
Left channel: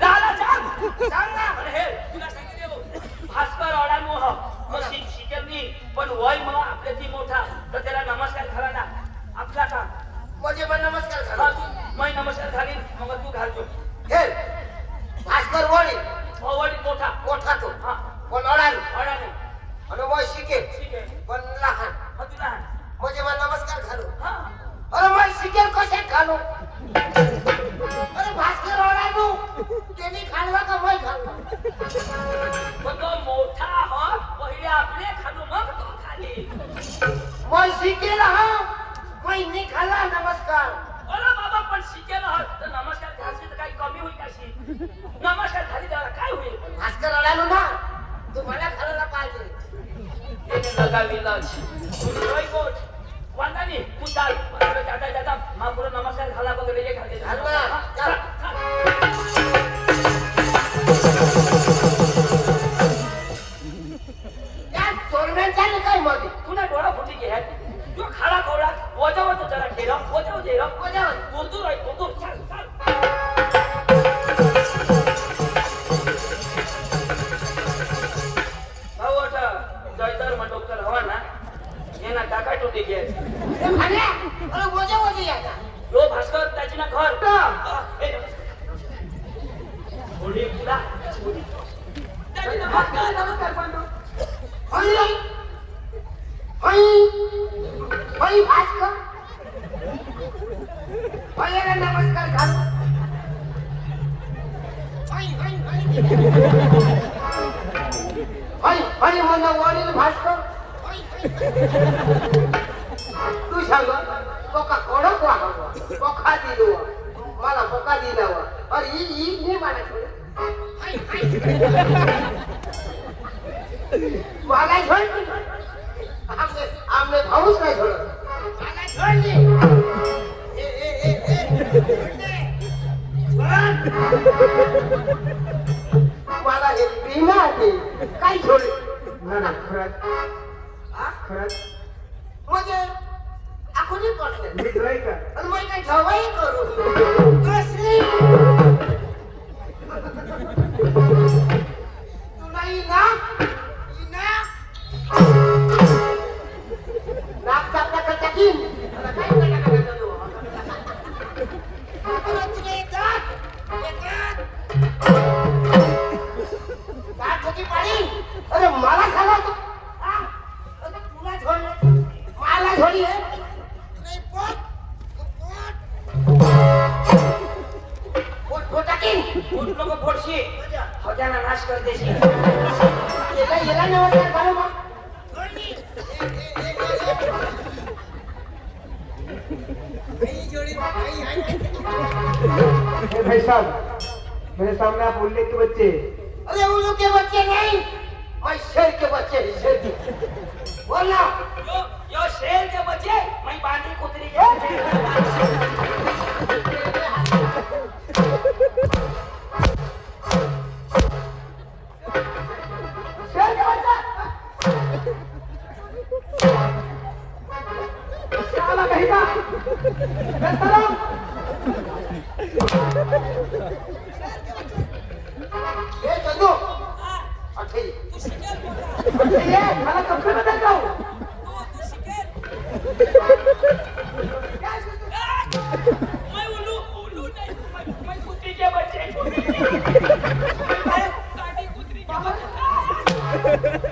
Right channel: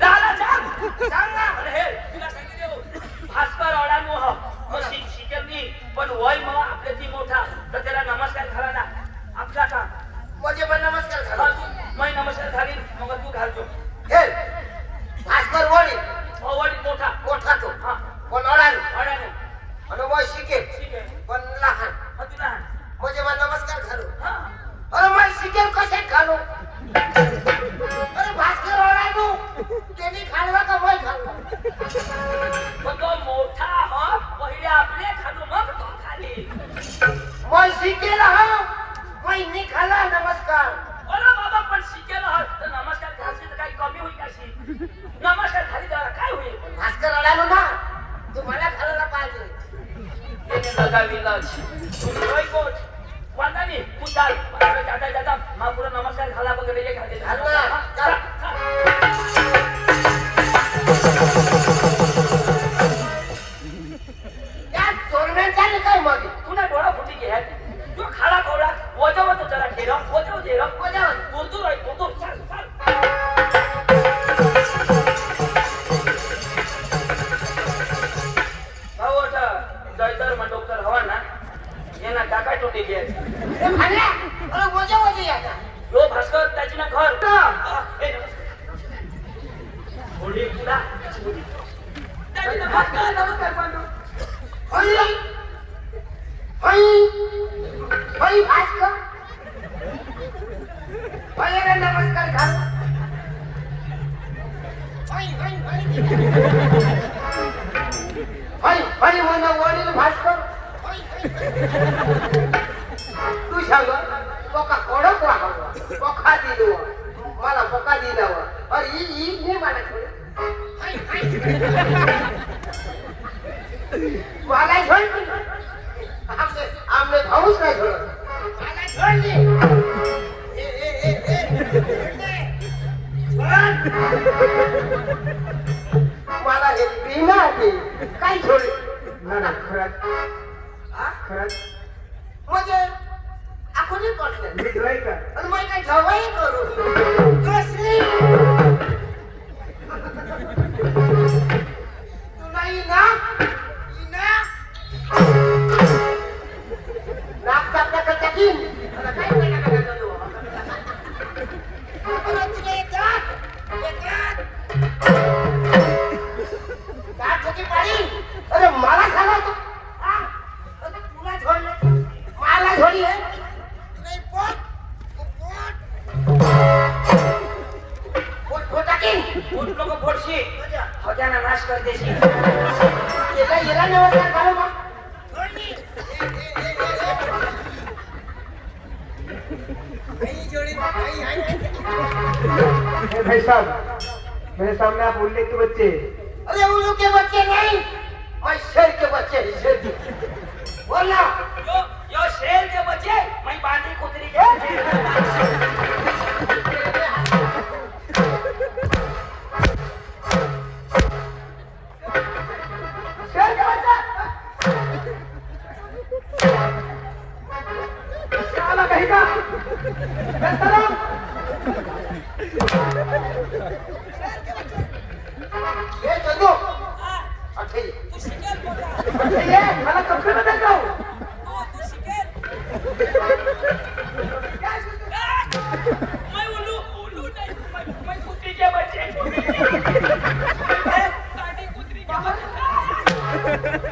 लाला सांग ना अरे हे तुला सांगितले भास्कर ओढानु हो मग शिकेल नी पण वय मग आपल्या ती मोठा तर त्याला नमस्कार घाला ना आपला का म्हणजे पण नमस्कार हा, करा. तू मै नमस्कार घालीन मग तू घालतो हे भास्कर वडील वडील मोठा मोठा तो हा पण अडाल अडाने आणि मग शिकेल ठीक आहे पण लहान हा तुला म्हणजे मग नमस्कार घालू. हा अरे मग शिकेल कशात घालू? अरे भास्कर ओढानू त्यांनी खालवा का मै खालवा? पण तो मोठा हो पहिले आपले खालू मग तो खाली मै शिकेल हा मै खाला नमस्कार. अरे बाबा पण शिकेल हा तर नमस्कार घालशील तर काही कमी होईल अशी नमस्कार खाली त्याला काय होईल भास्कर ओढानू ना तुम्हाला खालायला पाहिजे. त्याने लगा विलाज रोय कोच वांदानी तू चाल जाता जाता महापुरा नमस्कार घाला वगैरे हे घालते घाल ना. चल. या चोरम्यांचा नाही काय मध्ये तुला डोळा फुटी घे तू खाला खोला वजव तो जरा खेळ वजव दे वजव. बोलतो राय बोलतो चाल चाल भाऊ आता जयतर मग डॉक्टर हवा ना ये ना काका टोटी घे ए भाड्या अरे वजव या ना. यो भास्कर त्याची ना घर थोडी तुला त्याची नमस्कार नमस्कार बंधू होई होई होई भास्कर होई रे नमस्कार घाल. होई होई होई होई होई म्हणा वडील भास्कर. होई होई तू सांग पोका कडक वागवा पोका दिलो मला पोका दिलाव अरे ही नाही मला थोडं मला छोड आमने भाऊच नाही छोड मला छोड ए ए ए मला हे बिना ते काय छोड म्हणा खरंच खरंच म्हणजे आखोनी पटलं मी ट्राय कर आणि मग काय ठेवाई करू कसली तुला ना नाक चापला का टाकीन काय करणार तू अरे तुला येतात का ठोकी पाडी अरे मला खाला तुला छोडलं मला छोडी आहे नाही लोक फोडशी होत्याना नाश कर देशी याला नमस्कार करू मग भाई साहब मेरे सामने आप उल्ले के बच्चे अरे उल्लू के बच्चे नहीं और शेर के बच्चे शेर के बोलना यो शेर के बच्चे मैं बांधी कुतरी के शेर के बच्चा साला कहीं का ये चलो अच्छा तू शिकेल मोठा ये मला कपडे बदल जाऊ तू शिकेल मैं उल्लू नहीं मैं कुतरी के बच्चे बांधी कुतरी के बच्चे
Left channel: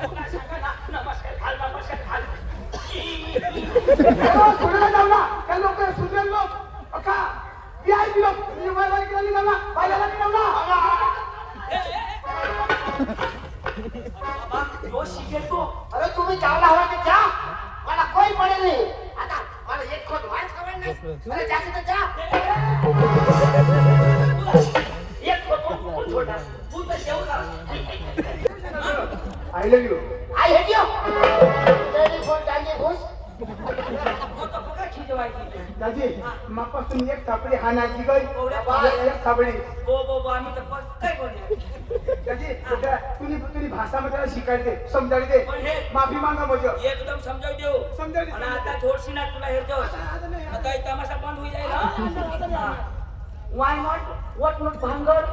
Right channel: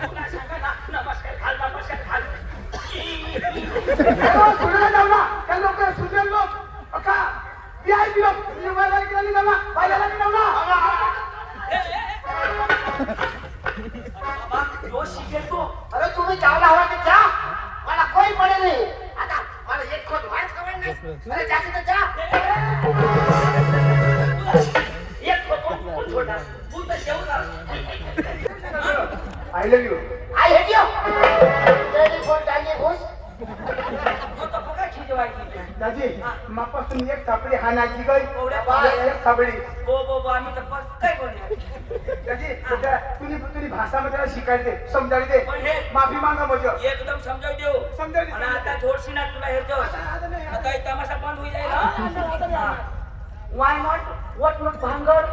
तुला सांगा ना नमस्कार खाल सोडायला जाऊ ना त्या लोक सुजल लोक अका VIP लोक मला गेली जाऊ ना बायला जाऊ ना बाबा यो शिकेल तो अरे तुम्ही चावला हवा की जा मला कोई पडेल नाही आता मला एक खोट वाईट खबर नाही अरे जास्त तर जा एक फोटो कोण छोटा तू तर जेवला I love you I hate you telephone टांगे घुस तो पका खिजवायची दादी मापासून एक सापडी हाणाची गई एक सापडी बो आम्ही तर पक्काय कोणी दादी तुम्ही भाषामध्ये शिकायला दे समजायला दे पण हे माफी मागा बजो एकदम समजावून देऊ समजावून दे. आणि आता थोडशी ना तुला हेरतो आता हे तमाशा बंद होई जाईल वाय नॉट व्हॉट भांगड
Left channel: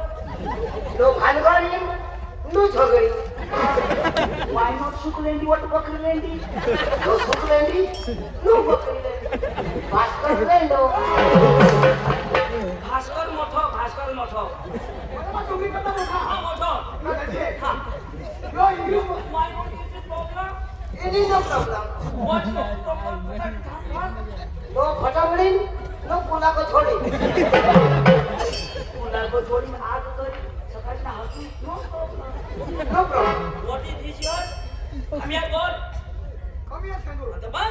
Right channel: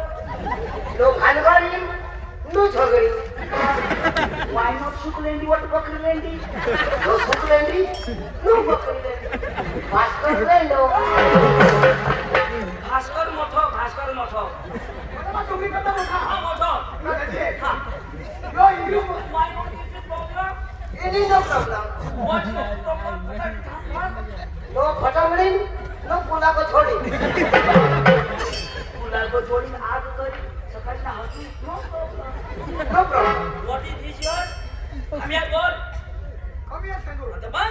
नो भानगडी नो झगडी वाय नॉट शुकलेंडी व्हॉट बकरीलेंडी नो सुकलेंडी नो बकरीलेंडी भास्कर लेंडो भास्कर मोठो तुम्ही कसा मोठा हा मोठो यो English why not is problem any no problem what no problem no फटावडी नो पुला को छोड़ी तुला को जोडी आग करी सकाळी हसू no problem no problem what is this your आम्ही बोल कमी आहे सांगू आता बघ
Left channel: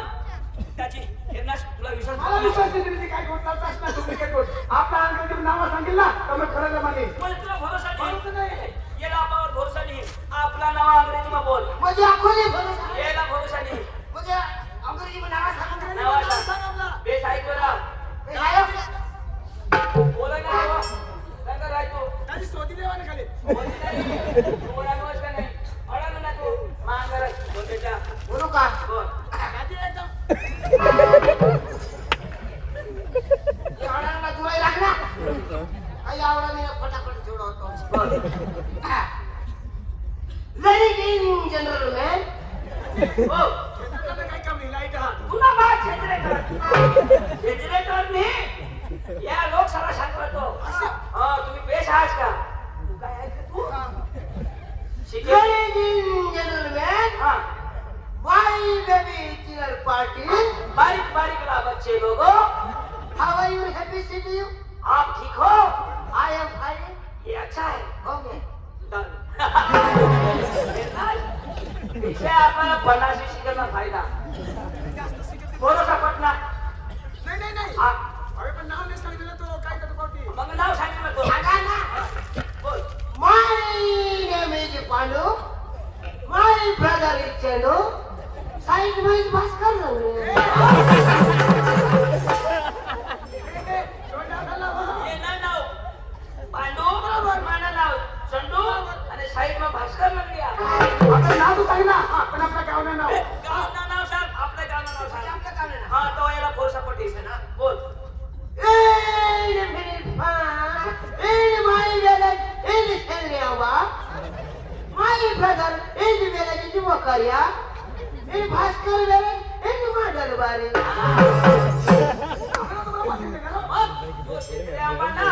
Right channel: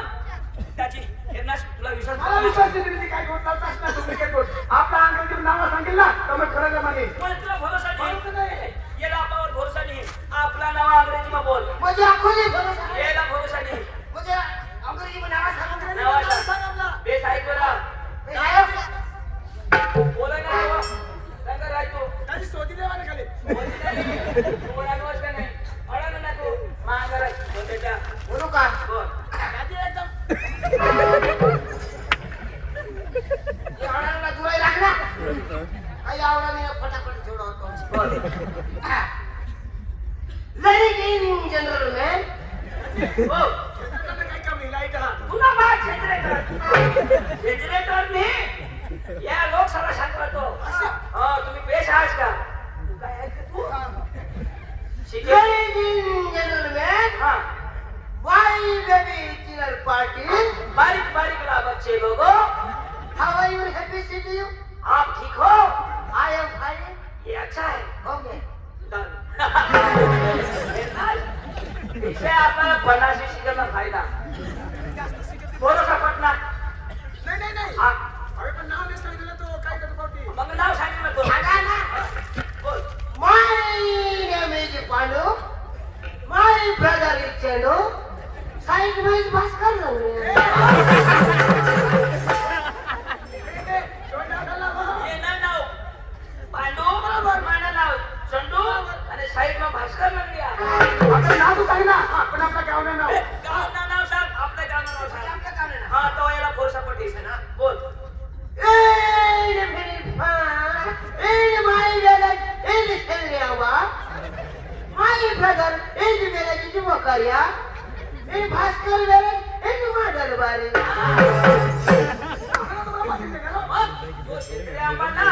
त्याची हेरनाश तुला विश्वास मला विश्वास आहे तुम्ही काय बोलता प्रश्न तुम्ही काय बोल आपल्या अंगाची नाव सांगेल ना तर मग खरं माने पण तुला भरोसा नाही याला आपल्यावर भरोसा नाही आपला नाव अंग्रेजीમાં बोल मुझे आंखों नहीं भरोसा याला भरोसा नाही मुझे अंग्रेजी में नावा सांग नावा सांग बेस ऐकला बोला ना बाबा सांग राय तू काही शोधी देवाने खाली तू बोला गोष्ट नाही अडंग ना तू मांगर बोलतेच्या बोलू का बोल ये आवडायला जुळाई लागला काही आवडायला फटाफट जोडवतो बोल लेडीज इन जनरल मॅन हो काय कमी लाईट हा तुला बा जनरेटर ने या लोकसभा शांत राहतो हा तुम्ही पेश आहात का तू काय ऐकत तू शिकेल लेडीज इन जनरल मॅन हा वाई बेबी डिनर पार्टी बारीक बारीक ला बच्चे लोगो how are you happy city you आप ठीक हो आई एम फाइन ये अच्छा है ओके डन इसे आपल्याला बनाशी शिकवणं फायदा भरोसा पटला नाही नाही हा अरे पण नाव नाही सांगितलं तो काय करतो पावती मग नाव सांगितलं तो सांगा ना बोल My name is Pandu. My brother is Chandu. Side में is Bhaskar ये ना नाव पांडू माना नाव चंदू आणि साईड मा भास्कर लागली आपलं नाव तू सांग ना पण आपलं गाव नाही नाव गावना नाव सांग आपल्या गावना नाव सांग आपल्या गावना हा तो याला भरोसा पटेल ना बोल In my village in Selva, my brother in village in Mokaria, in Bhaskar village in Madalbari. तो शेतकरी आंबाना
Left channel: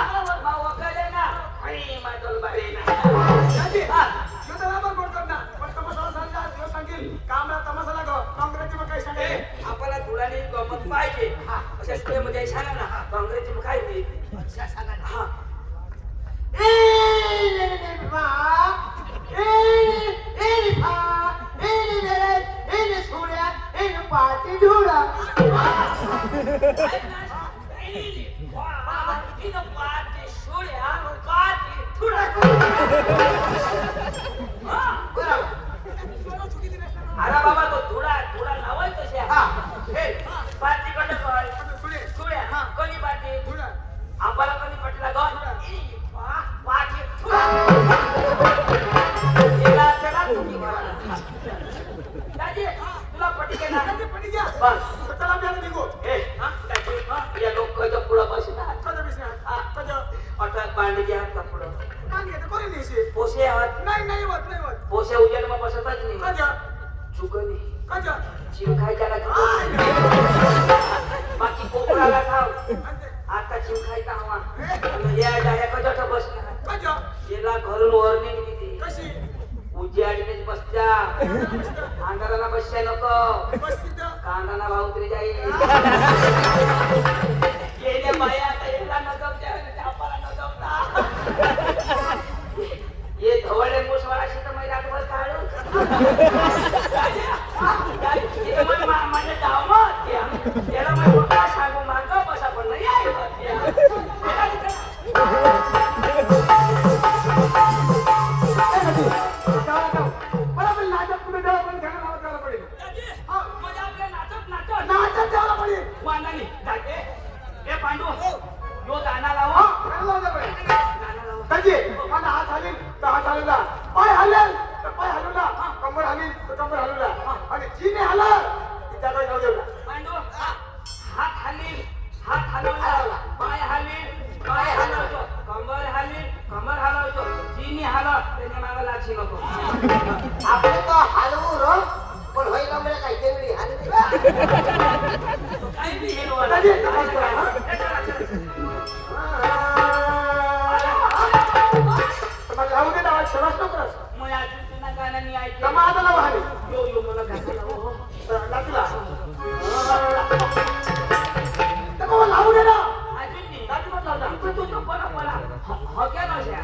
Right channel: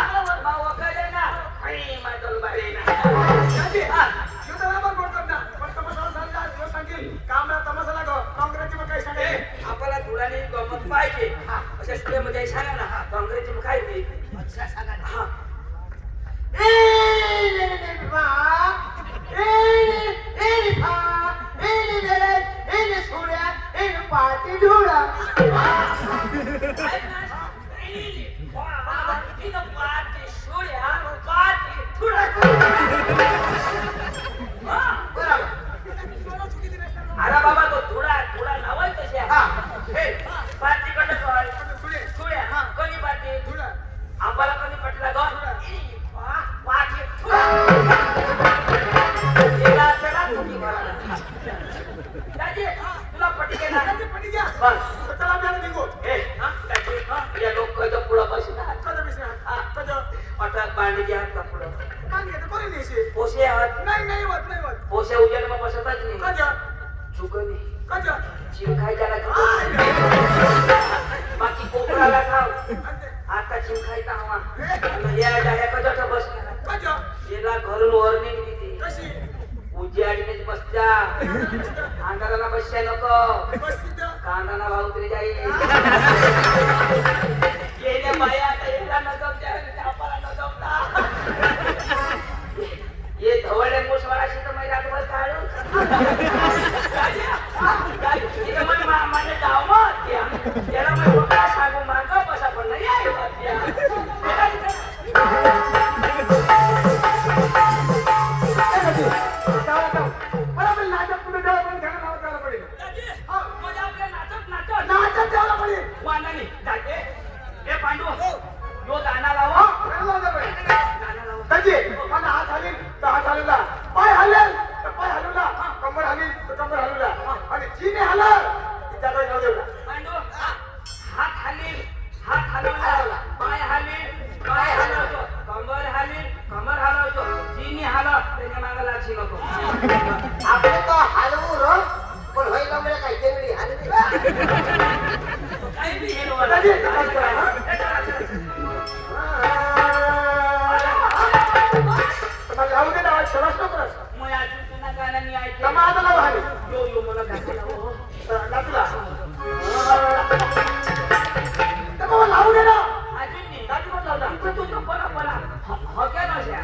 भाव वगैरे ना आणि माझं बारे ना यो तर आपण बोलतो ना पण तमाशा सांगा यो सांगेल कामला तमाशा लागो काँग्रेसची मग काय सांगायचे आपल्याला धुळाने गमत पाहिजे अशा स्टुडिओमध्ये सांगा ना काँग्रेसची मग काय होईल सांगा ना हा In पाठी धुळा ऐक ना. तिनं पाठी सोड्या, पाठी थुडा. हा. अरे बाबा तो थोडा थोडा नावच तसे हा. पाठी कडे सोड्या कोणी पाठी आम्हाला कोणी पटला गो पाठी थुडा. गेला चला तुम्ही मला. दाजी तुला पटके ना बस चला मी आता निघू ए दाजी या लोकांच्या पुढं बसणार कधी विसरा कधी अटक बांधली घ्या का पुढं नाही येत कोणी नाही पोसे आहात नाही होत पोसे उजेड मग बसतच नाही कधी चुकली कधी चिव खायच्याला बाकी कोपराला खाव आता चिव खायचा हवा या जाया कजाचा बसणार कधी याला घरून वर निघली कशी उजेडीनेच बसत्या अंधाराला बसच्या नको बस तिथं कांदाना भाऊ तरी जाईल येण्या बाया आता याला न जमत्या आपल्याला न जमता ये धवळे मुसवाशी तर मी रातभर काढू माझे डाव त्याला मी बघा सांगू मागं बसा पण नाही आहे बरोबर नाटक तुम्ही द्यावं पण त्याला नाव द्यायला पडेल म्हणजे आपल्या नाचत नाचत नाटक द्यायला पडेल वांगाने जाते हे पांडू यो गाणं लावा गाणं लावा कधी मला हात हालील तर हात हालवला पाय हलेल तर पाय हलवला कमर हालील तर कमर हलवला आणि जीने हलव त्याकडे नाव देवला पांडू हात हलील हात हलवला पाय हलील पाय हलवतो कमर हलील कमर हलवतो जिनी हलव त्याच्या मागे लाची नको आपण तो हलवू रो पण होईल म्हणजे काही तेवढी हलवी काही बी हिरवं कधी हात करा, हा? तुम्हाला लावू दे ना सरस नको रस. मग अजून पुन्हा गाणं मी ऐकलं कमा आता लावा हाली यो यो मला गाणं लावा नाचला तर मग लावू दे ना अजून नाही नाचू पण लावला तू पळा पळा हक्या नव्हत्या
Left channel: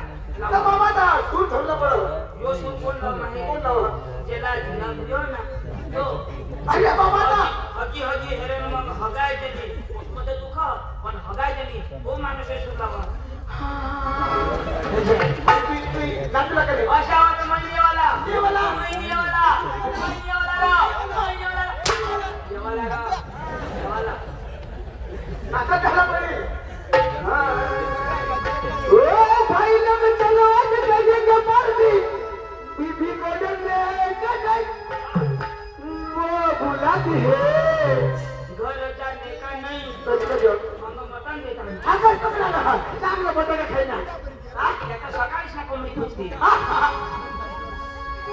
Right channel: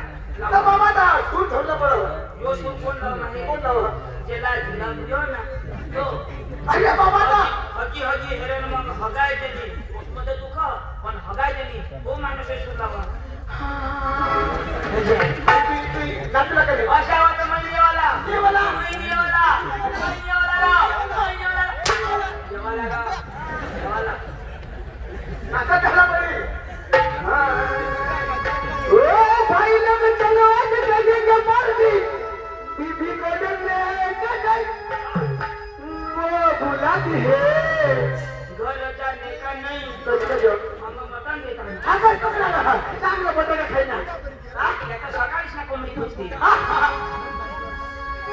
तर बाबा दा सूर ठरलं बरोबर यो सूर कोण लाव नाही कोण लावला ज्याला जिला दियो ना तो अरे बाबा दा हगी हगी हेरेन मग हगाय देली मध्ये दुख पण हगाय देली तो माणूस सूर लावा नाचला का नाही अशा वाटत महिनेवाला देवाला. महिनेवाला महिनेवाला राव महिनेवाला देवाला राव देवाला नाचा झाला पडेल ओ भाई लोग चलो आज करेंगे पार्टी बीबी को डरने का नहीं वो बुला दी है घर जाने का नहीं कधी कधी मग मटण देता हा काय पकडा ना चांगलं बटाटा खायना त्याचा सकाळीच ना कोंबडी पुजते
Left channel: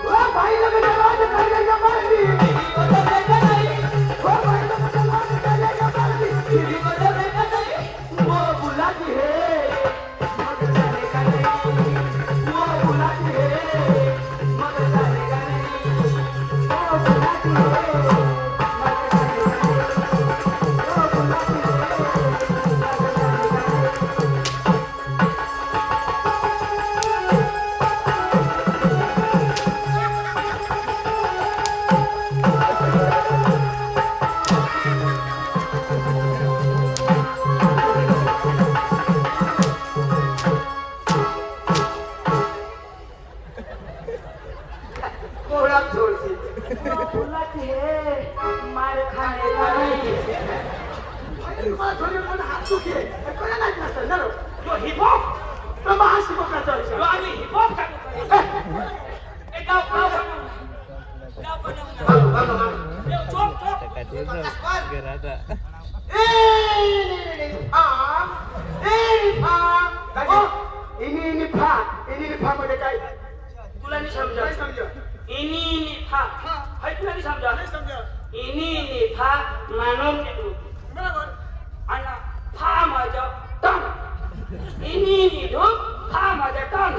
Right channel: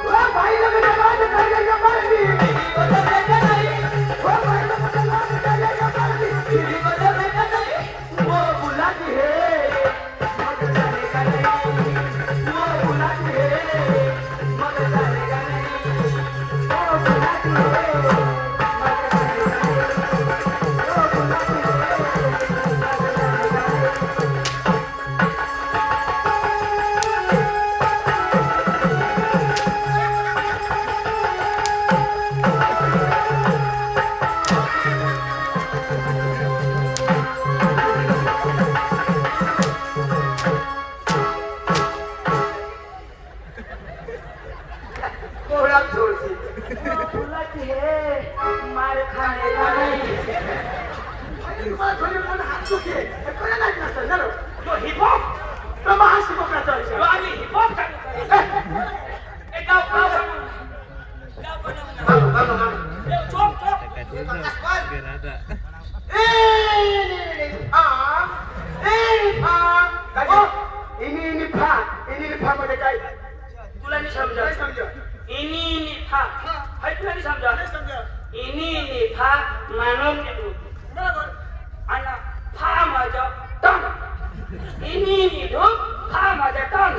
ओ भाई लोग चलो आज करेंगे पार्टी बीबी को डरने का नहीं ओ भाई लोग चलो आज करेंगे पार्टी बीबी को डरने का नहीं वो बुला दी है मगर जाने का नहीं वो बुला दी है मगर जाने का नहीं वो बुला दी है मगर जाने का नहीं वो बुला दी है मगर तुम्हाला थोडी पण हात दुखी आहे. हे कोणाला माहित नसतं ना रे. जो हिपहॉप तर मग हा शिकवण्याचा विषय. जो आम्ही हिपहॉप चालू करू एक गाव गाव बनवू गाव बनवू चोप चोप इनी फा मध्ये काय तुला नाही समजा नाही समजा इनी फा हाय तुला नाही समजा नाही समजा इनी फा म्हणून निघू बरोबर आणि फा माझा टन इनी निघू फा माझा टन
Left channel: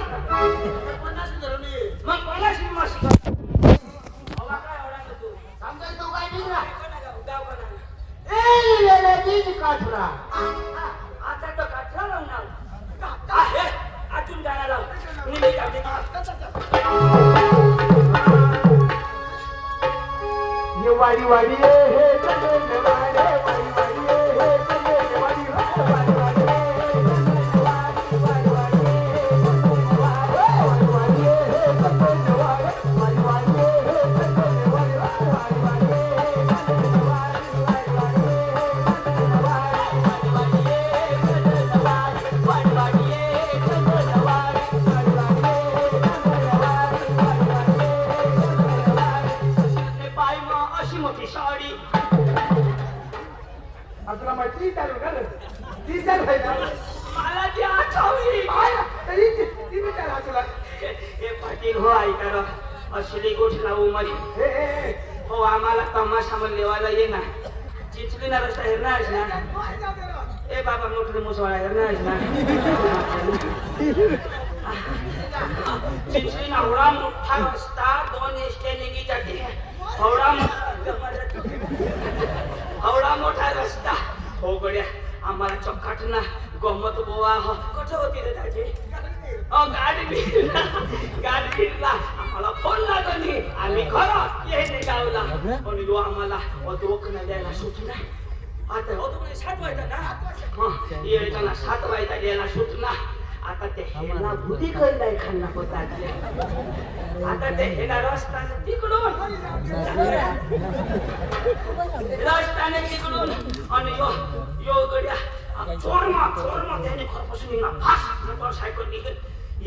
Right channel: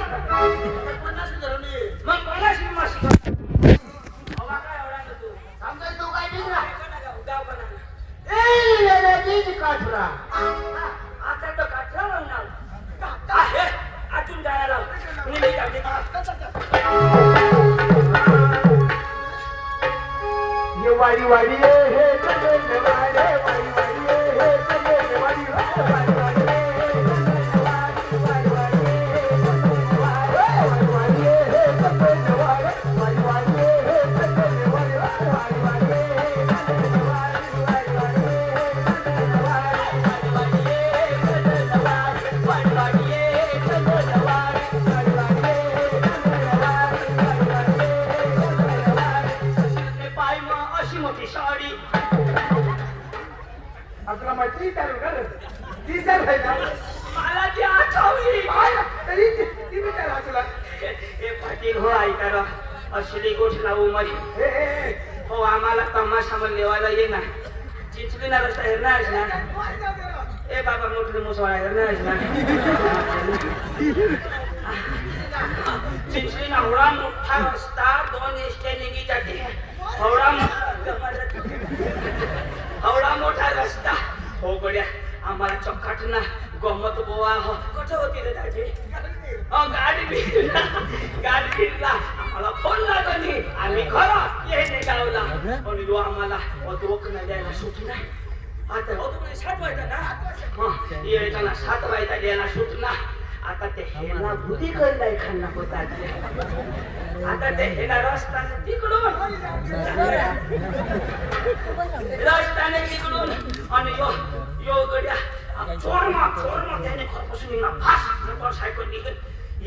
50 धरून ये. मग कोणाशी माशी हवा काय एवढा तू समजा तू काय बिघडा गाव बनवू काठुरा आता तो काठ्या लावून आलो. आहे, आतून जायला लाव. मी ये वाडी वाडी हे चले वाडे वाडी वाडी हे चले वाडी वाडी वाडी पाय मग अशी मोठी साडी आपला मैत्री चालू कर ती चाल आहे ना मला ती आठवली तरी ती विचारा तुला हे पाटील हो ऐका असली गोष्ट लावू मरी हे हो आम्हाला तमाशा लेवायला ये ना चिंचली ना रस्ता हेरणार ना ए बाबा मोठे मुसवाळा हेरणार ना चिंचली ना एवढा मोठा रस्ता 2 एसट्या निघी जाते एवढा मोठा रस्ता हो गड्या आम्हाला चौकाट ना गमत गोवा हो कुठं होती रे दाजी गाडी बिरला आम्हाला फोन लागला नाही आम्ही खरं येणे गावला पण यो आम्हाला रोखणं द्यायला सुट नाही आता हो तुम्ही 7 वाजता ना येताना 7 वाजता द्यायला सुट ना आता ते हेला बुद्धी करलाय खाल्ला होता आता ते हेला रस्ताने तिकडून आणि यो गड्या चोरमा त्याने खरपासून ना फास्ट मोटरसायकल निघत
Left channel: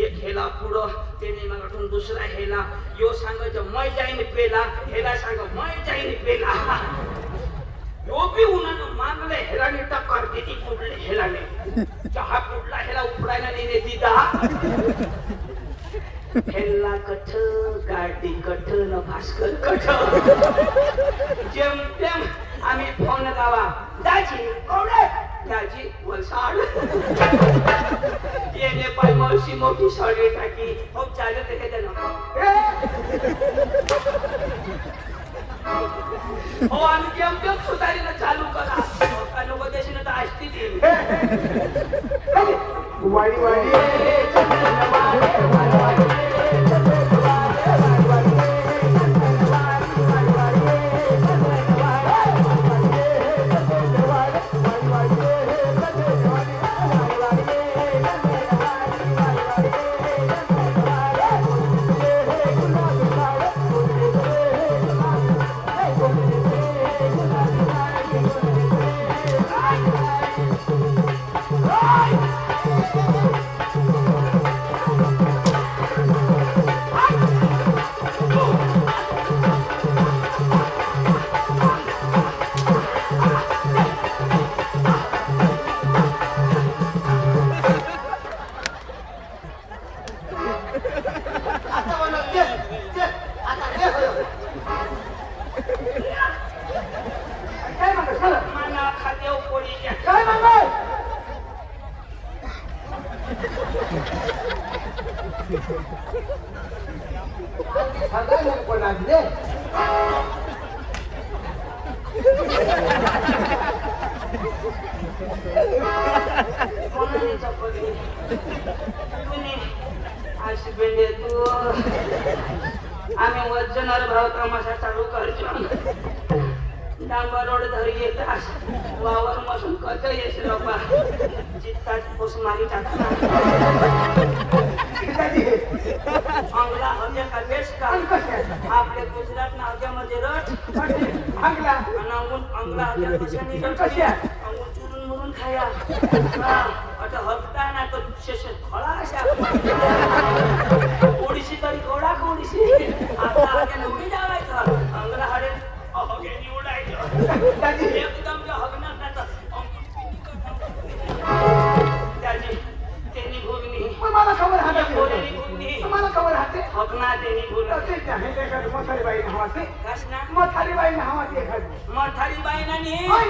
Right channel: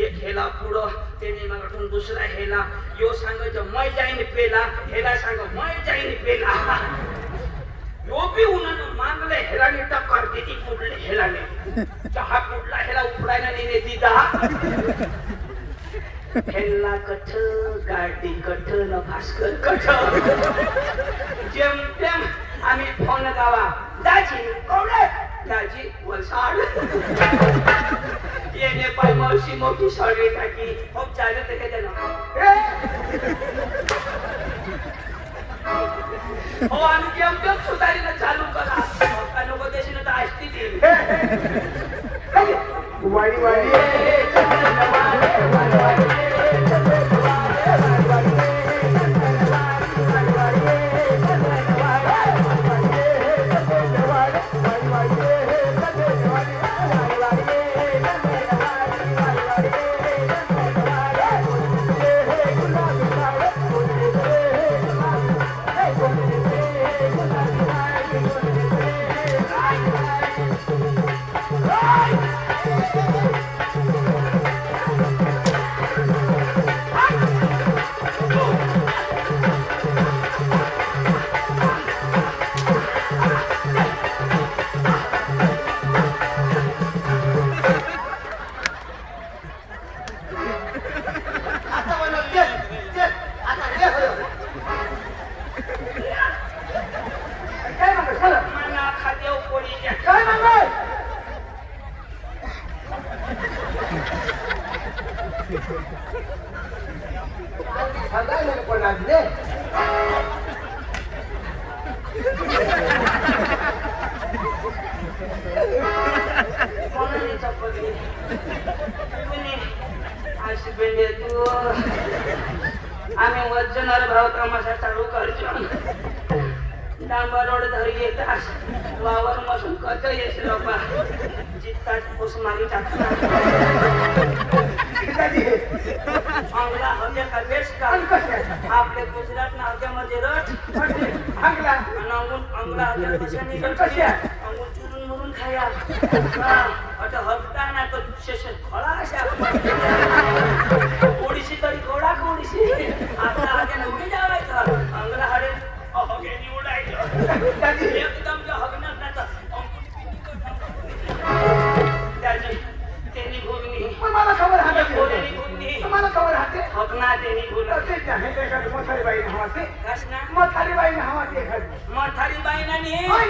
एक हेला पुढं त्याने मला दुसरा हेला यो सांगायचं मै जाईन पेला हेला सांग मै जाईन पेला यो बी उन्हानं मागले हेलाने टक्कर देती पुढले हेलाने चहा पुढला हेला उपडायला नेने दिदा हेला कठ गाडी कठ न भास्कर कठ जेम तेम आम्ही फोन लावा दाजी कोणे दाजी वलसाड येणे पाय मावशी मोठी साडी टाकी हो चालत आहे त्याला हो आम्ही जेम तेम सुधारीला चालू करा नको देशील तर असती ती वाडी वाडी आम्ही वजनर भाव तमाशा चालू करतो डांबर रोड धरी येतात वावर मसून कच येस लोका चित्तात पुस मारी टाकतात अंगला हव्या का बेस का आपले गुजरात ना हव्यामध्ये रट अंगला अंगला हव्या कशाने कशा अंगून चुरून मुरून खाया आता हप्ता ना तो शेष खळा अशा ओडीशी तरी थोडा कोडीशी आता आगे उडी जावायचं अंगला हडे अहगेनी उडायचं एकदम जे हगणार ना तर त्याची त्यांनी भूमी मला खबर हाते भोलेनी भूमी मला खबर हाते हगना त्यांनी भूमी ते आहे ते का मोठारी बाई नावाचे कसना मोठारी बाई नावाचे एखादी मोठारी बाईना नी होय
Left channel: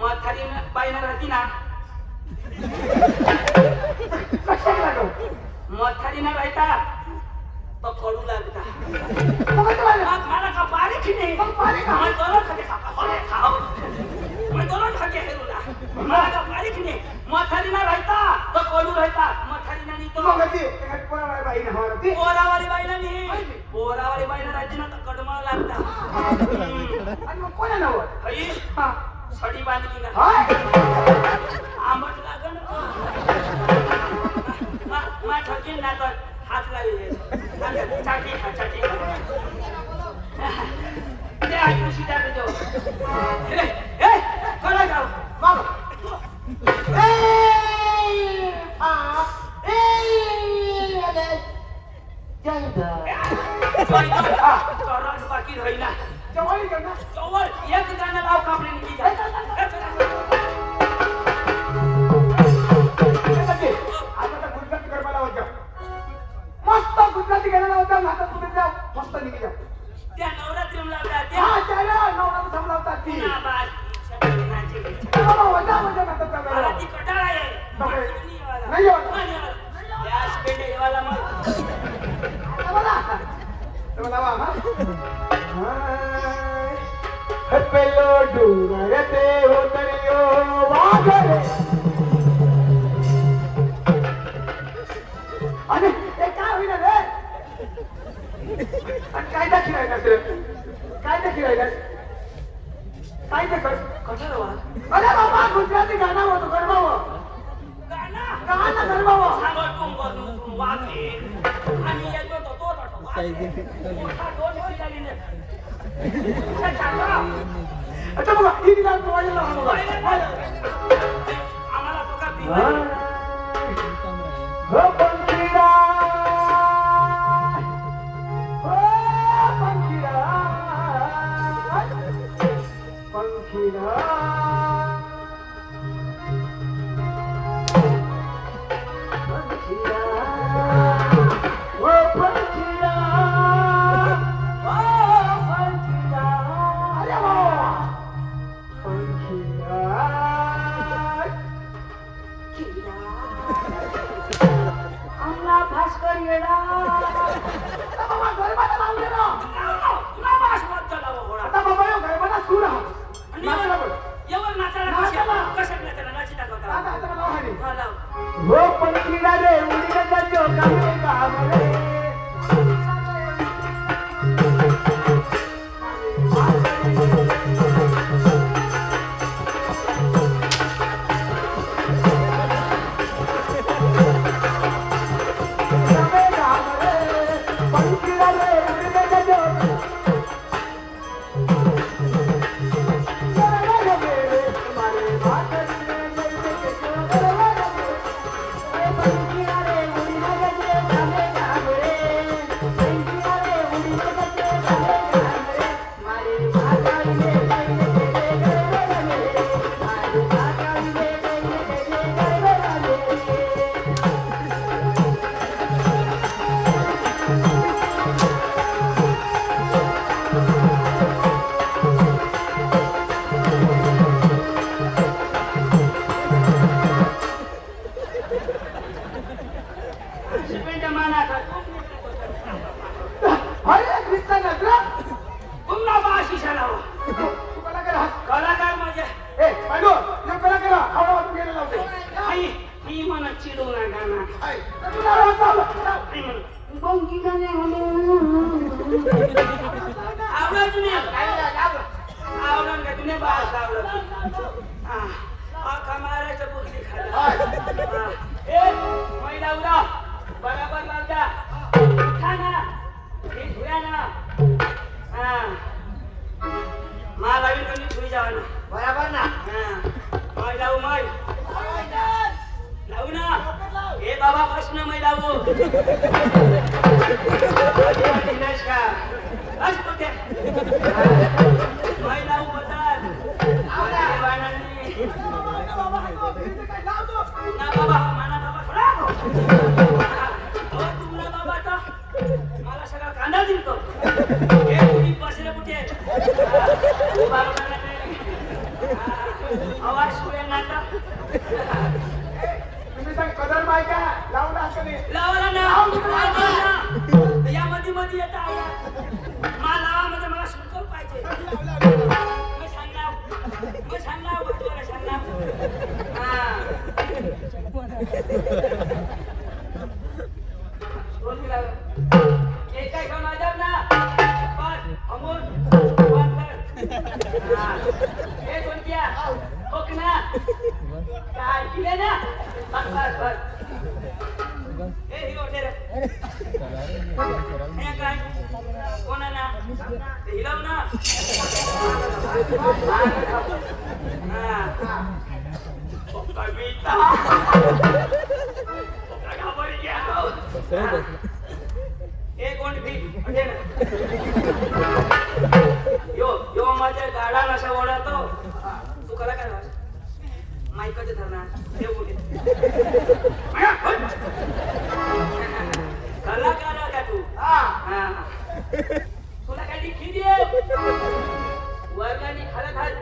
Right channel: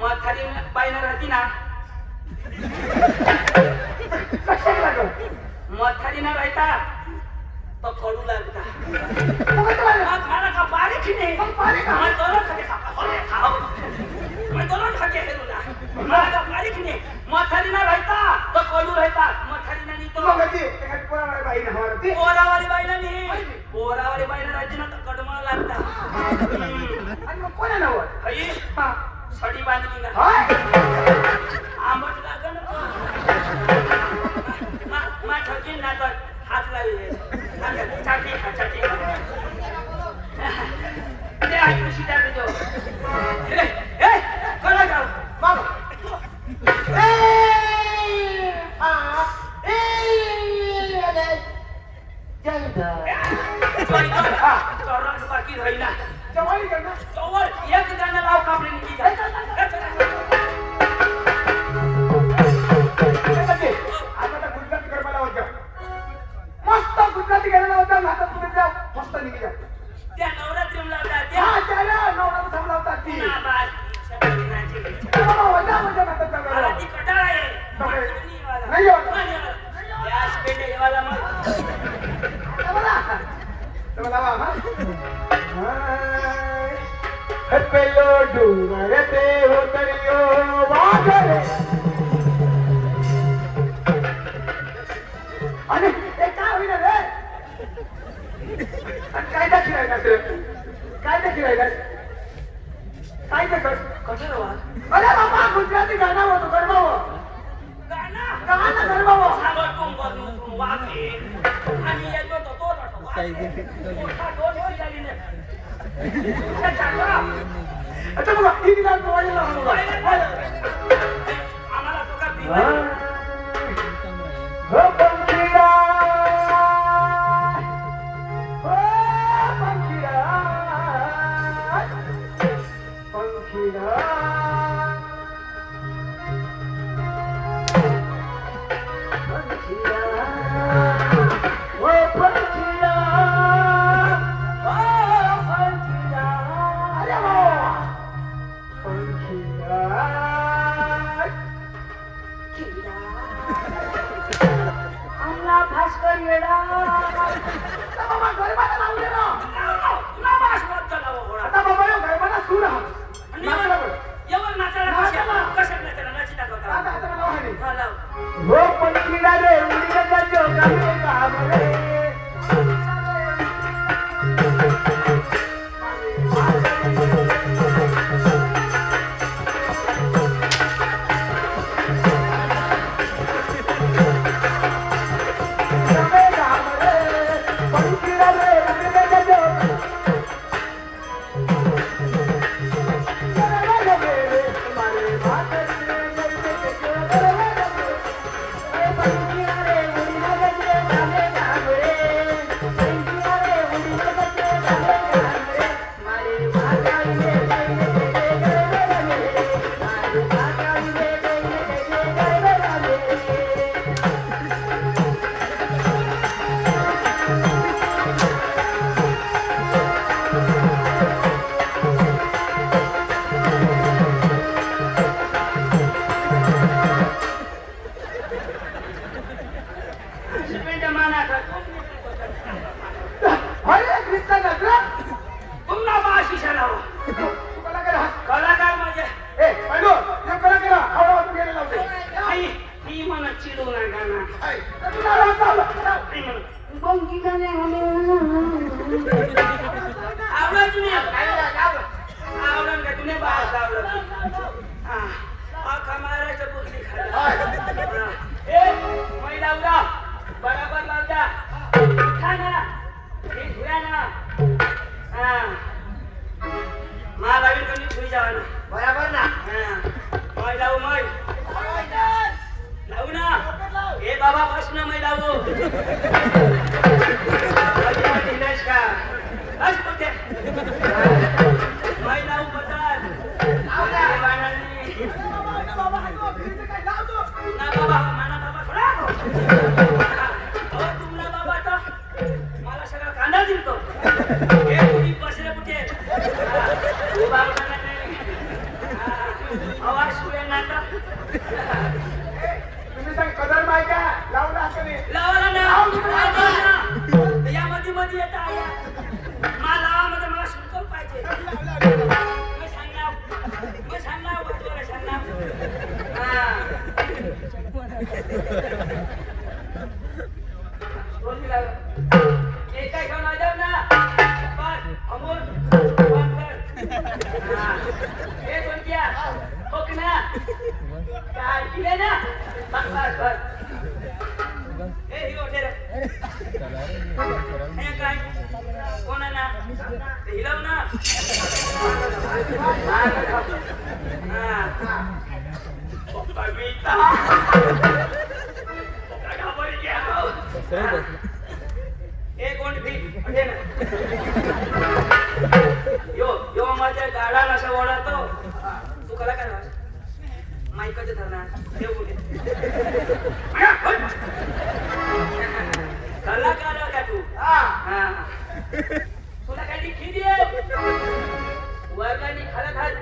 मोठारी बाईना राहती ना कशाला लागलं मोठारी ना राहता तो कडू लागता मग खाना का बारीक नाही मैं दोनों खाते खाओ मैं दोनों खाते हेरूला मला का बारीक नाही मोठारी ना राहता तो कडू राहता मोठारी ना तो मग ती एखादी पोरावाली बाई ना हवाला ती पोरावाली बाईला नाही पोरावाली बाईला राज्याला तर कडमळ लागता आणि मग कोणा नाव आई हा सडी बांधली ना हाय आंबट लागन मा ठोकीन ना तर हात लावी चाटी खा चाटी खा ते आज खुशी टाक दो ए कोणा जाऊ मामा बाकी राहिला जवाई कर ना जवळ एक गाणं लाव कापली निघी जा आता गुजराती गरबा होत्या मस्त गुजराती गाणं होत्या हातात पुढे जाऊ मस्त निघी जा त्या नवरात्रीला लावल्या त्या हा त्याला नवरा थांबवतात ती पुन्हा बाज शबरीनाची वजा वजा हातात मला जाऊ ती कटाळ आहे नाही येत. गॅस पेटे येवाला मग मला पेलो डूंगर ते उतरियो वाघरे आणि ते काय होईल रे काय दाखिरायला काय दाखिरायला काय ते कटाळ वा अरे बाबा गुजराती गाणं होतं गरबावं गाणं गरबावं सांगत कोण वागे आणि येतो तो अच्छा बघा ही दिला पोवायला आम्हाला तो का पिवायला हो पंखीरा हो पंखीरा पंखीरा भास्कर येडा बाबा गरबाला लावले ना तुला भास मत झाला घोडा आता बाबा यो गरबाला सूर हा आणि नाचायला बोल येऊन नाचायला नाचायला. कशात नाचायला नाची टाकवता आता आता मला वाहनी हा लाव हो पंखीरा रे उडी गजो गावे गावरे कलाकार म्हणजे ही म्हणत चिडू नका ना आवडत नाही आवडत का तुने बास आवडत आखा महाराष्ट्र बुकली खाली ए महिला उडा बराबर लावता उठा ना हे धुया ना महालावी कोणी धुई जावा ना बराबर ना मै लावू मै लावू ना ए बाबा बस ना मै लावू दिनेश का बस कुठे मै लावू बदल ना बाबा माना बाबा थोडा तुमला बाबा तर मला सगळा कांदा दिलतो हे तुम्ही बसले कुठे बाबा आवाज सुरे नाटा कदर माहिती लावला असं नाही लावला ना या मध्ये मध्ये येत आहे मला लावामध्ये मला शुल्क पाहिजे मग सांगणार वाटलं सांगणार कविता घाबरी घ्या एक कोण फीट म्हणजे ना यो माझ्या गाडा नशा ओढातो तू कला काय माईकाचे धरणार देव कुठे कलाकार का तू तुला काही खिदी आहे वर्गाने खाला घाल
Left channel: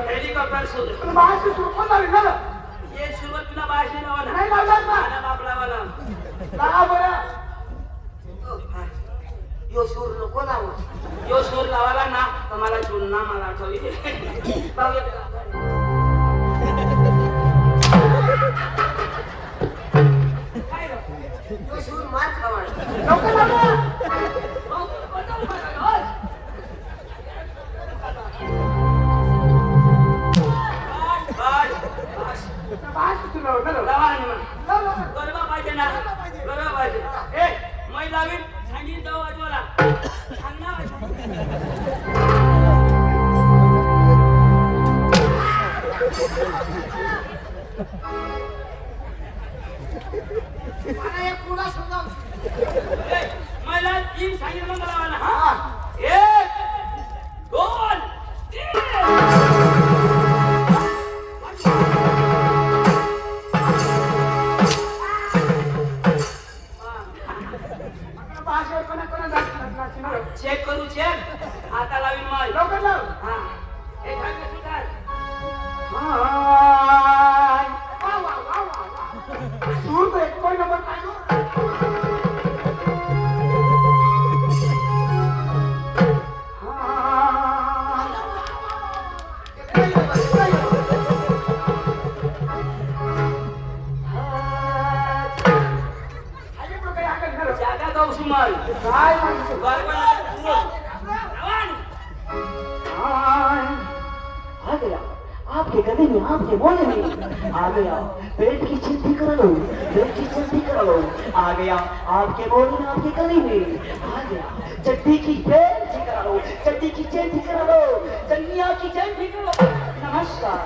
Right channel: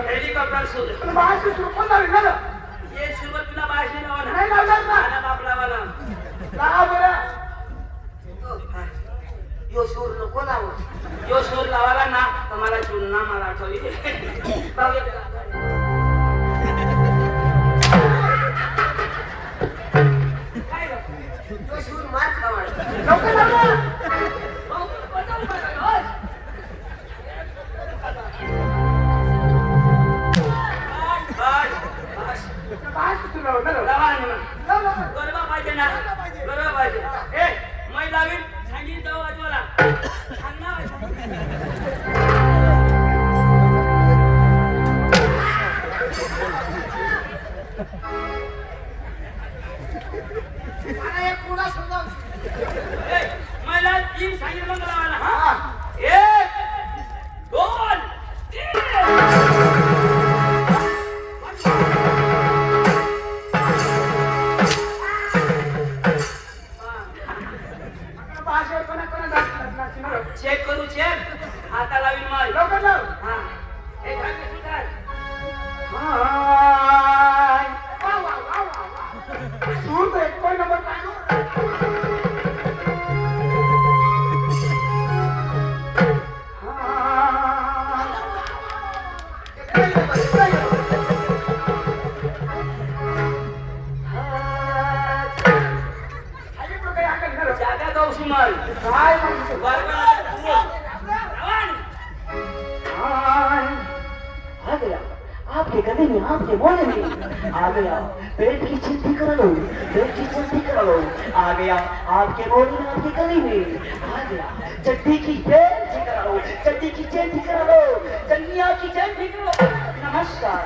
हेलिकॉप्टर सुरू ये सुरुवात तुला भाषणे नावाला बापला वाला यो सूर नको लावू यो सूर लावाला ना तर मला चुनना मला आठवली यो सूर मार खावाळ गरबा पाहिजे ना गरबा पाहिजे ए मै लावीन सांगीन जाऊ आजवाला सांगणार मला तीन सांगितलं मला हा एक दोन तीन चेक करू चेक आता लावीन मग लवकर लाव हा एक हात सुधार सूर तो एक पॉइंट नंबर जागा जाऊ सुमल काय म्हणतो आ गया आपके गले में आपके बोले में आ गया पेट की चिंती करा लो पेट की चिंती करा लो आ गया आपके बोले में आपके गले में आ गया चड्डी की चिंती करा लो चड्डी की चिंती करा लो चन्निया की चिंती करा लो नमस्कार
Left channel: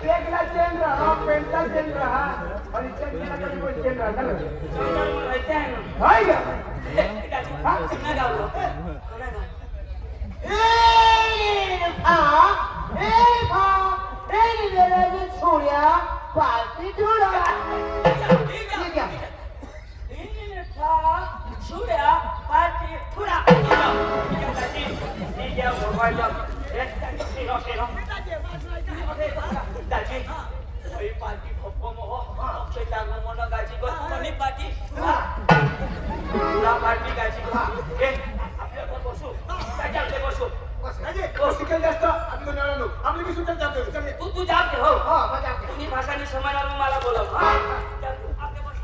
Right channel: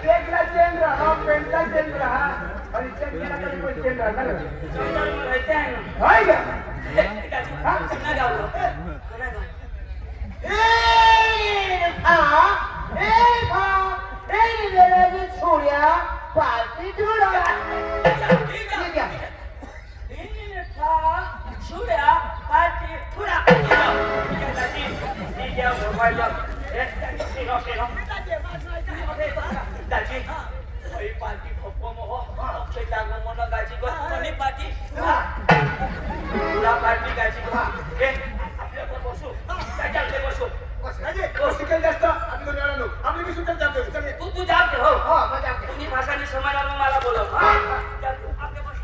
केकला चेंज रहा पेंटला चेंज रहा और इसका केला कभी कोई चेंज रहा ना रहते हैं ना हाय क्या ना गावलो पार्टी थोडा शुड्या पार्टी थोडा दाजी पार्टी भोपो मोह शेताग मोनो गाजी को कोणी पार्टी तुला पार्टी गाजी को ए आपल्याला बसू त्याच्याकडे बसू शिकेल जास्त आपली दोन वेळा नो आपली मी सुटेल जातो चल तू जाग दे हो हा मजा तुम्ही भाषाने समजणार मला बोलव आपले बस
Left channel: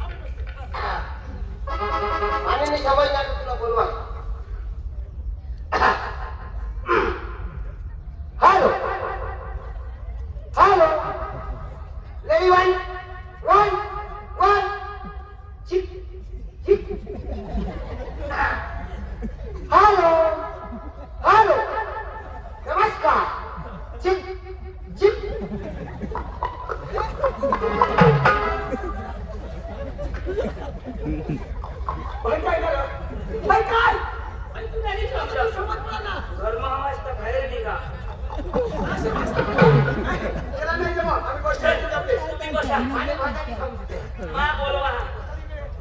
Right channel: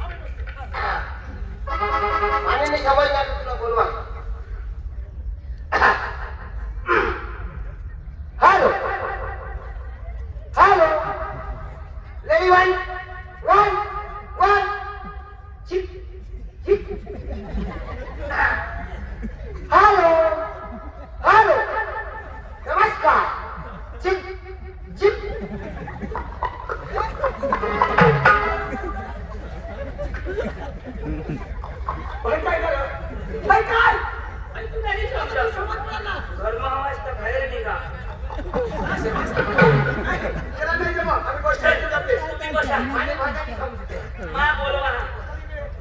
आणि मी सवय जातो तुला बोलवा hello hello ready one chip chip hello hello नमस्कार चिप चिप काय झालं काय तू नाही समजला घरमा आवाज तर बाहेर निघा त्याला नाही जमा आम्ही गोष्ट करते तुम्ही बसा आणि भाषाने समजते मा बोलवा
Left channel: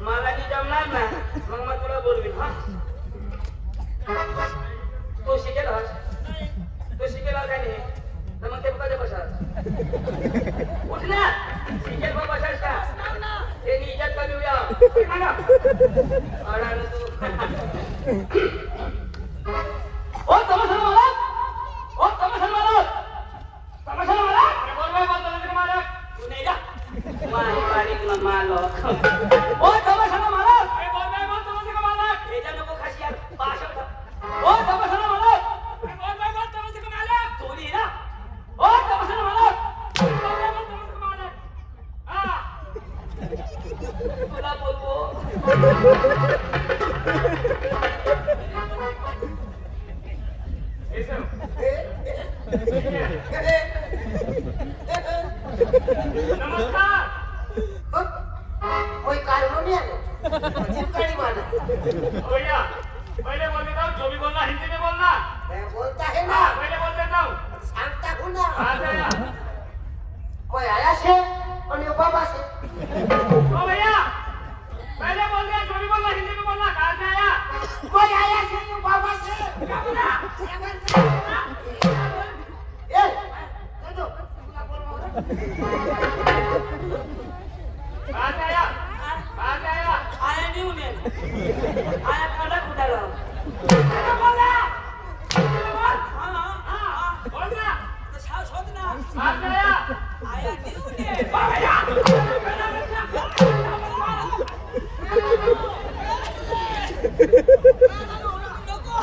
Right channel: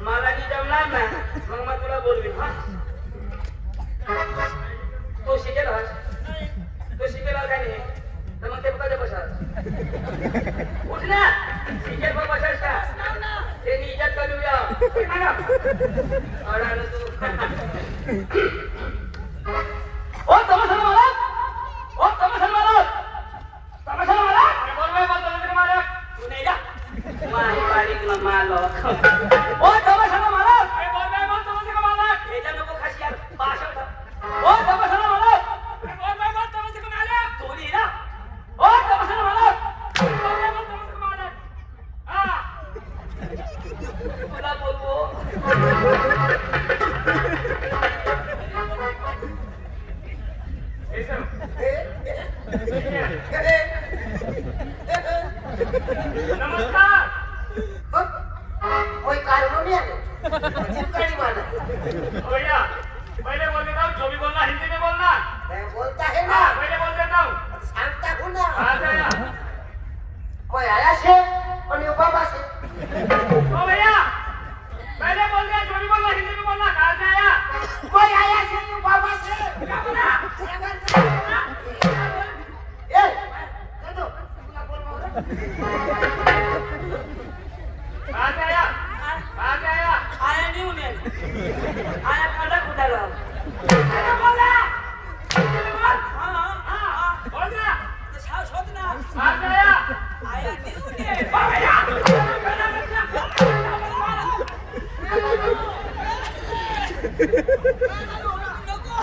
मला की जमणार ना मग मग तुला बोलवीन हा तो शिकेल हा तो शिकेल का नाही तर मग ते बघा बसा उठ ना शिकेल बघ बसास का ते इज्जत कमी होया अडान तू ओ तमाशा मालक ओ तमाशा मालक अरे बोल भाई बोल तमाशा मालक तू नाही जा माही बारीक न मालक ओ तमाशा मालक अरे बोल भाई बोल तमाशा मालक हे जा नको खाशी यार भाषा ओ तमाशा मालक अरे बोल भाई बोल तमाशा मालक तोडी ना ओ तमाशा मालक बोल भाई बोल तमाशा मालक हा तुला नमस्कार. कोई कार्बोनियन चिमकाड़ी वाला भैया पहले बोल देता हूँ, जो भी बोलना हिंदी में बोलना. मैं बोलता है ना हाँ, पहले बोल देता हूँ. सांगता हूँ ना आ जाया. कोई आया से और ये बाबा से ओ भैया पहले बोल दे, जो भी बोलना हिंदी में बोलना. कहाँ से आया? कोई आया से ये बाबा से क्या बोला? ए चलो तुला बोल कहाँ से आया? कहाँ से आया? आया नहीं उन्हें आया खड़ा खुदाला क्या बोला? बोल. हाँ बोल रहा. तो साव सोच ना कहाँ से आया? आया नहीं उन्हें ओ भैया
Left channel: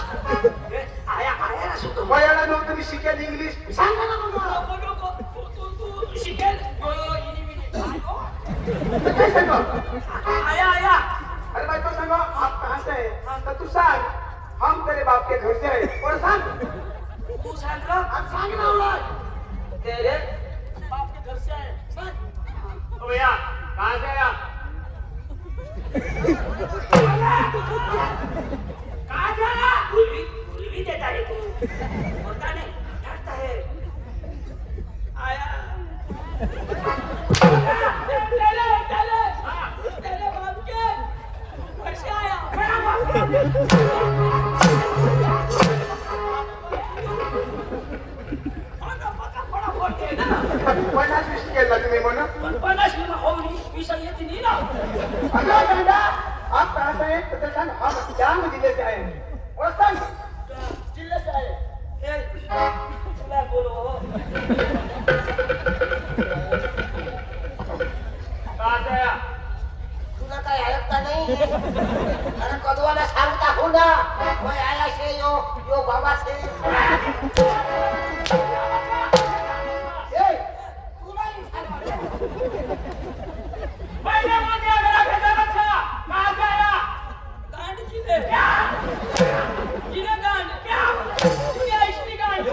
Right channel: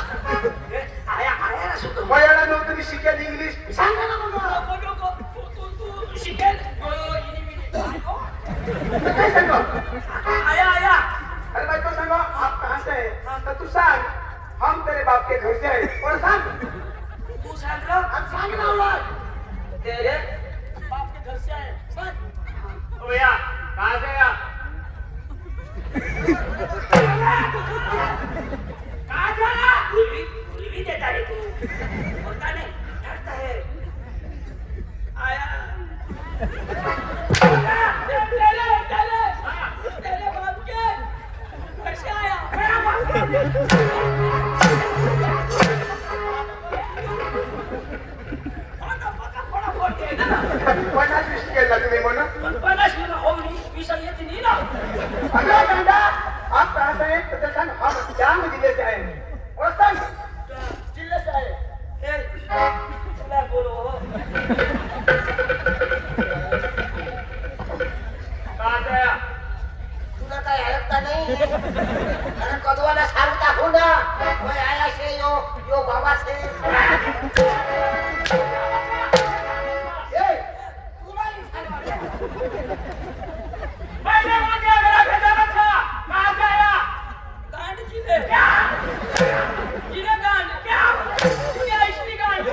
आया आया ना सुतो वयाला नव्हतं तुम्ही शिकेल इंग्लिश सांगा ना मग तू शिकेल काय सांगू आया आया अरे भाई तो सांगो आप कहाँ से है तो तू सांग हम तेरे बाप के घर से है और सांग तू सांग रहा अब सांग ना उलट तेरे बाप के घर से आए ओ भैया कहाँ से आया? कहाँ से आया? भूल भी देता है तू होता नहीं डरता है आया तेरे बाप के घर से आया कोणाची शिकेल तुम्ही म्हणून पन्नास किलो होऊन विषय येते नाही ना अगला धंदा आप कहाँ से हैं तो सांग हम जांग जिले से आए और सांग जिल्हे से आए ए तुला बोलो कहाँ से आया? तुला काय ऐकता नाही अरे कदवाला सांगता हूँ ना कोई आया से यो बाबा से ए तुला ही सांगा पहले बोल दिया मेरा भेजा बच्चा. कहाँ से आया? गांड जिले जिले गांड क्या क्या इसकी गांड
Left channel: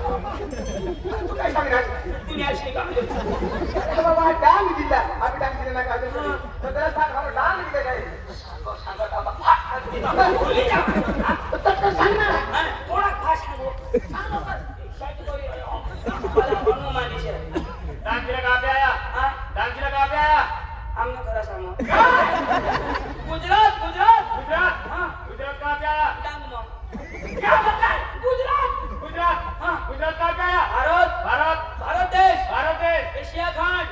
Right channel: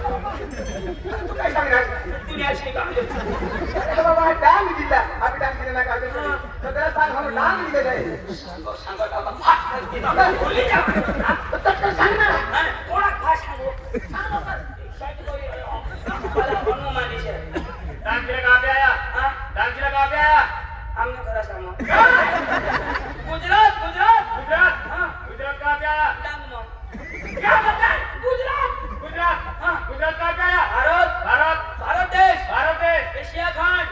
तू काय सांगणार दुनिया से गांड अरे बाबा डांग जिल्हा आप डांग जिल्हा ना काय तर त्याला सांग हम डांग जिले से तर सांग ना थोड़ा भाषा वो सांग लवकर शायद कोई वाला बनू मानी से डांग जिला कहाँ पे आया? हां डांग जिला कहाँ पे आया? हमने करा सामो गुजरात गुजरात गुजरात. हां गुजरात कहाँ पे आया? डांग नो क्या बताए? गुजरात गुजरात. हाँ. गुजरात कहाँ पे आया? भारत भारत. भारत देश भारत देश. एशिया खंड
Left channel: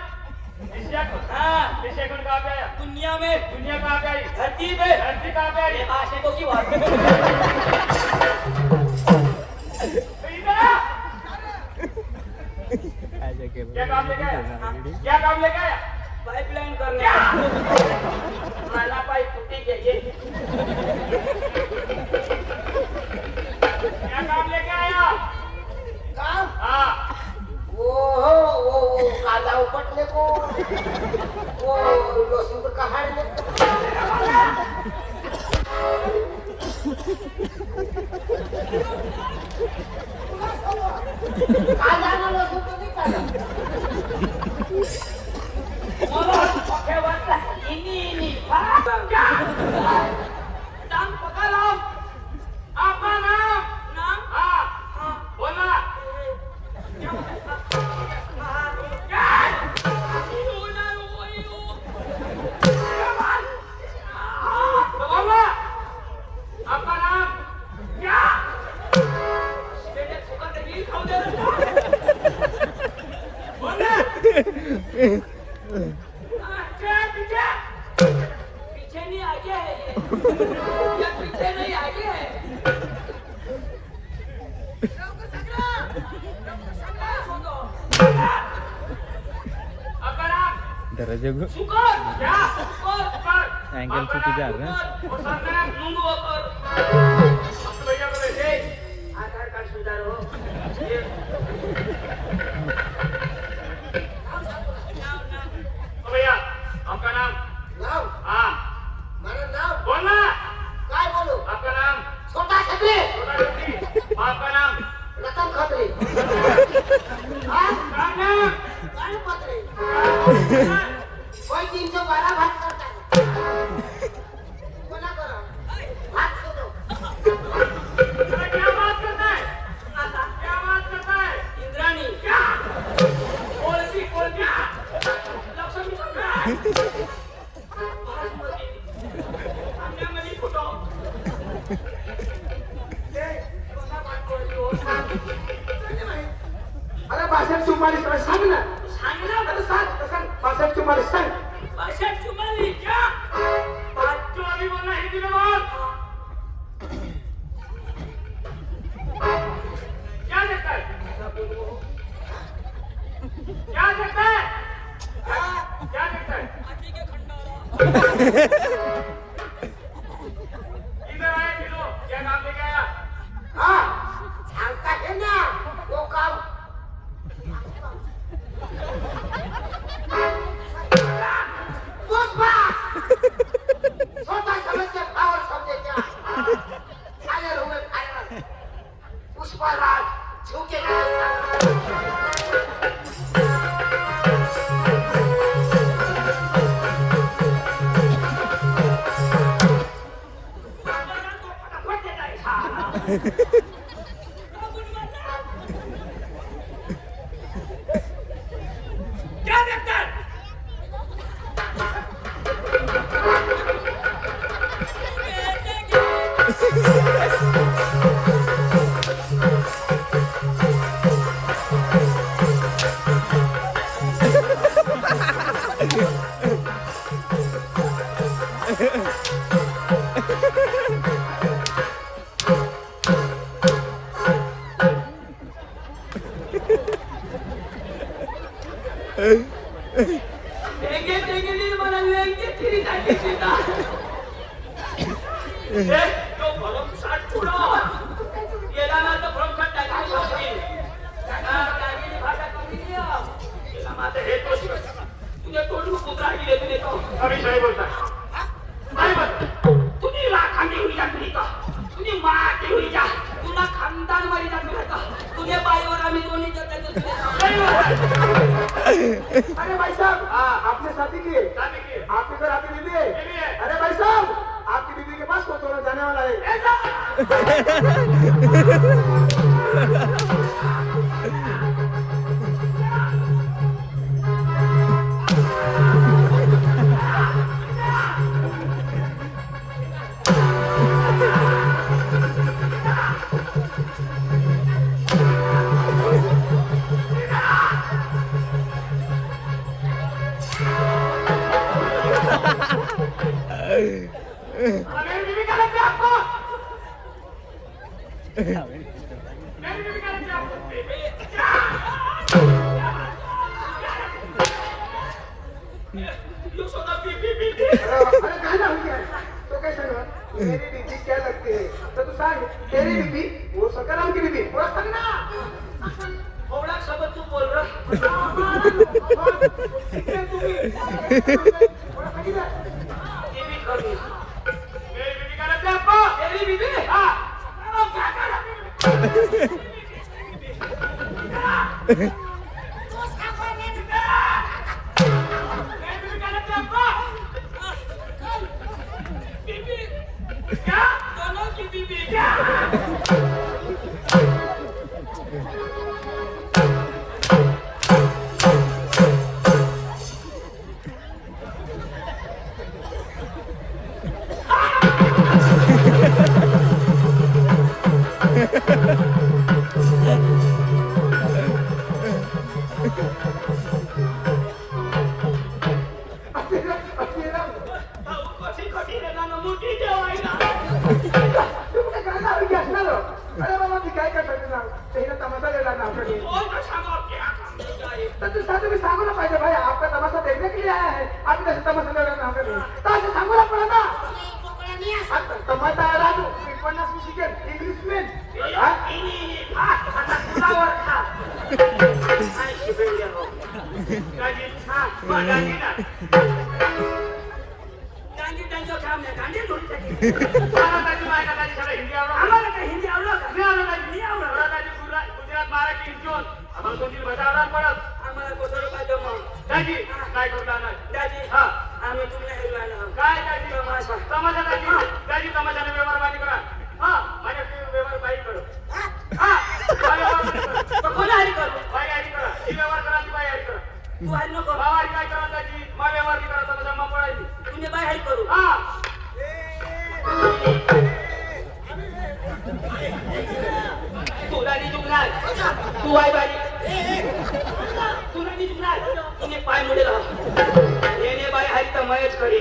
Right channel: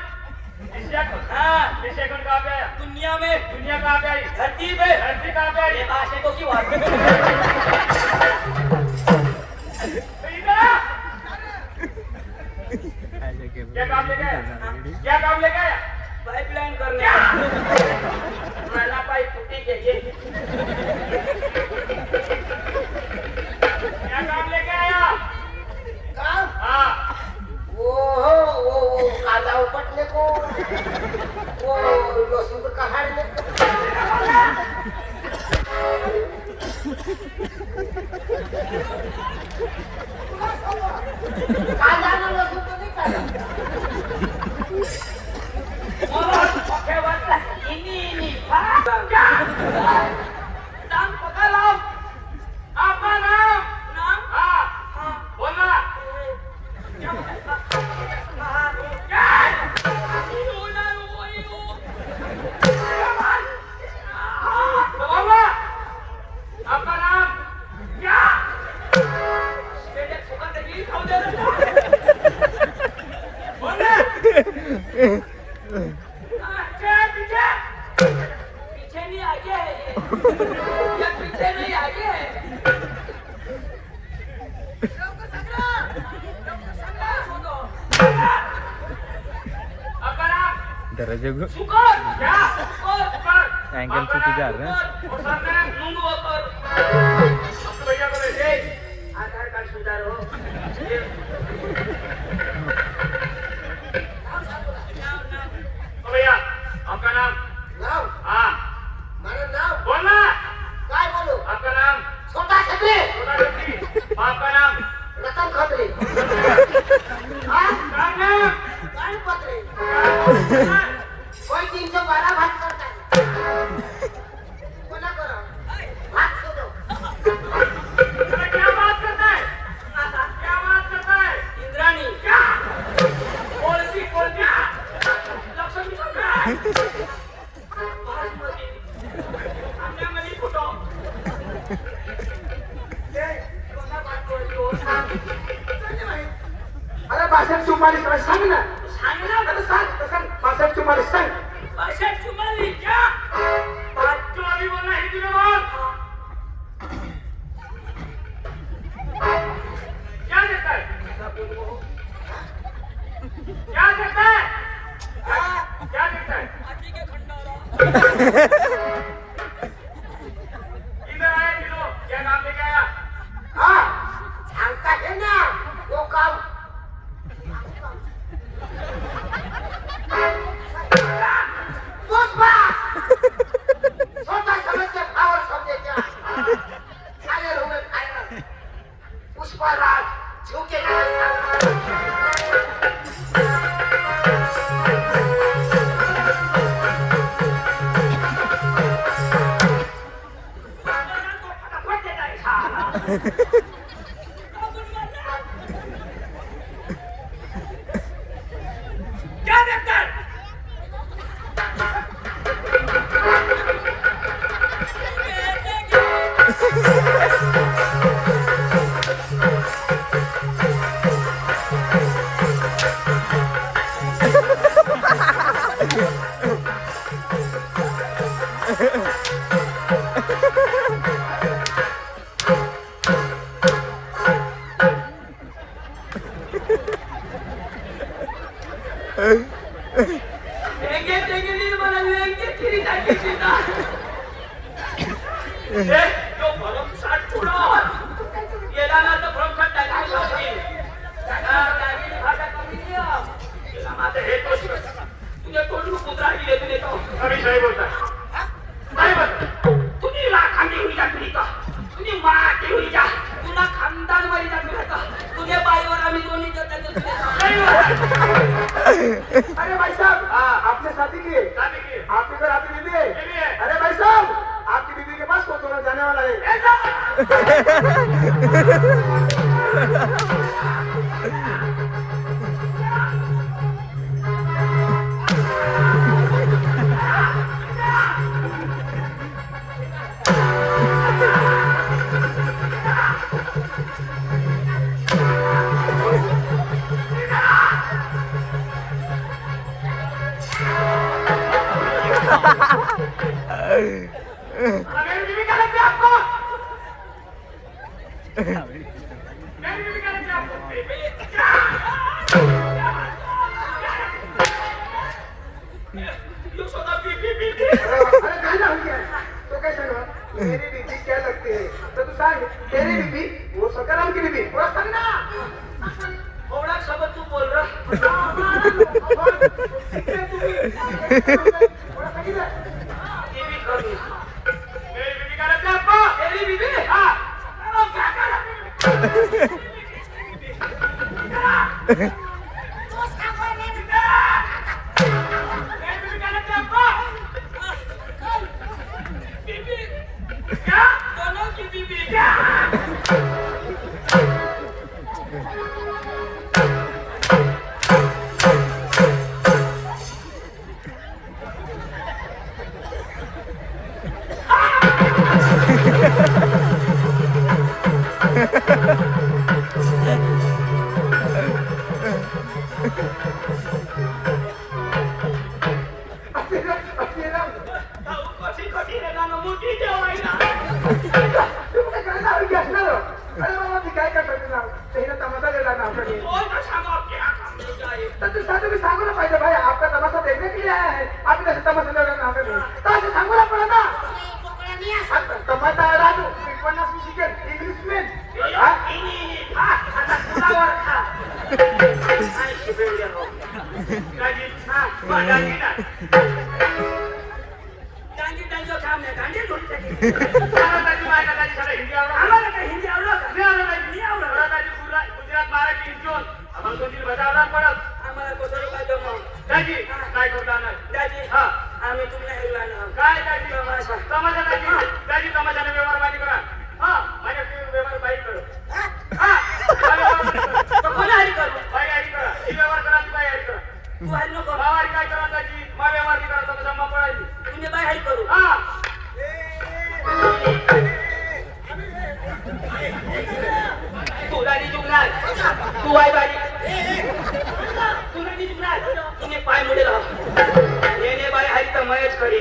एशिया खंड. हाँ एशिया खंड कहाँ पे आया? दुनिया में दुनिया कहाँ पे आई? धरती पे धरती कहाँ पे आई? ये भाषा को की बात तो इधर आ. क्या काम लेके आया? क्या काम लेके आया? पाइपलाइन करने मला पाइप फुटी के ये क्या काम लेके आया? काम हाँ. वो काला उपटने को वो लहसुन का हाड़ने काला ना लहसुन तो नहीं काला और ओके वाला इनी हाँ नाम पकड़ो आपका नाम? नाम हाँ. हाँ बोलना. क्या तो बोलना. आपका नाम क्या? बोलना. पीछे नहीं आगे है ये पीछे नहीं आगे है आपका नाम? दरवाजे शुकर क्या? शुकर अँगल चुकीचं आलं ना और सामने नुंग होकर आपके भैया को ले. आधार कार्ड सुधारो आमच्यामध्ये फोटो अरे बासष्ट चुम्मालीस सांग ना सांग ना अरे सांग बासष्ट चुम्मालीस सांग 62 क्या 5 बोलना हिंदी में बोल क्या देखता है क्या देखता है क्या देखता है इधर आया किलो क्या काम लेके आया हाँ सांगता है ना वो काम पुष्पा छोटा समझ के पावर समझे क्या फायर होंगे फायर पुष्पा राज झुके फटाफट देता है साला क्या देखता है वेंगे मला वेंगे फिरी टाकायची ना ए तो भरम साठ पुढं गेला ना तर भरम साठ टाकायची होती त्याला टाकायची भाषा कमी नियम गेला माझं हे दोष तुझ्या तोंड कुत्रा गेले तुझे तो अभी सही बोलता नाही बघ तुम्ही लाखांनी होई जा तुम्ही का तुम्ही माती होई जा तुला खानदान मरी जा तुला का तुझ्या बाईवर आम्ही दोन्ही त्याच्या तुझे अरे भाई साहब आपने शादी की है शादी की है। आपके घर आपकी बीबी है बीबी है। अरे भाई साहब आपकी बीबी के पास कौन दोनों जाने वाला है मेरी बीवी का लगता है आपको मेरी बीवी का लगता है आपको ये सोना बीबी अरे कहीं ना हो गया तो कैसे ना मेरी बीबी क्या लगती है तो तू सांग तेरी बीबी वो सकाराम की बीबी वो सांग ना थोड़ा शब्द तू बोल रहा बीबी कमी मेरी बीवी का लगता है आपको तेरी बीवी हाँ अब क्या कर मेरी बीवी का लगता है आपको बीबी क्या दोनों की बीबी क्या कशी कशी रे गाणं मोठी जेवायला अरे बाबा मी काय करतो तुला तेरा तमाशा ले लाना आपके लिए और कशा गाव क्या काम ले जाए तो तू साथ में सांगो ना पाहिजे भाई आपका तमाशा देखने के लिए आया है आप कैसे तमाशा ले लाना आपके लिए तो ऐसे सांगो ना पड़ा ना तमाशा राजू 50 मी शिकेल इंग्लिश में हा आता तुलावर खा काय शिकवले हो गाडी हा गाडी ना गाडी त्यांचं काम नाही गाडी धुतली मला गाडी मायला गाडी सगळं हिंदी आवडलं आम्हाला काय हिंदी आवडलं का नाही आवडलं गाडी गुजरात मराठी इंचोन आम्हाला कोणती भाषा आवडणार पडत आम्हाला कोणती भाषा मग दाजी काय करता ना दाजी हा आम्ही तुम्हाला हेरला ना काय दाजी तमाशा तमाशा दाजी तमाशाने व्यवहार बाजी करा हा माझ्या व्यवहार बाई करो हा तो कोण हरी करू बाई हरी करा ही व्यवहार करा ती बाई हरी करा तू हरी नको बाई काय करा दाजी मा व्यवहार करा तुम्ही बाय हाय करू हा तू राणी जुगणार तू आहे बाई तू राणी जुगणार तुम्ही पाय मुडे राहा येणे बाय हाय तर मयच करी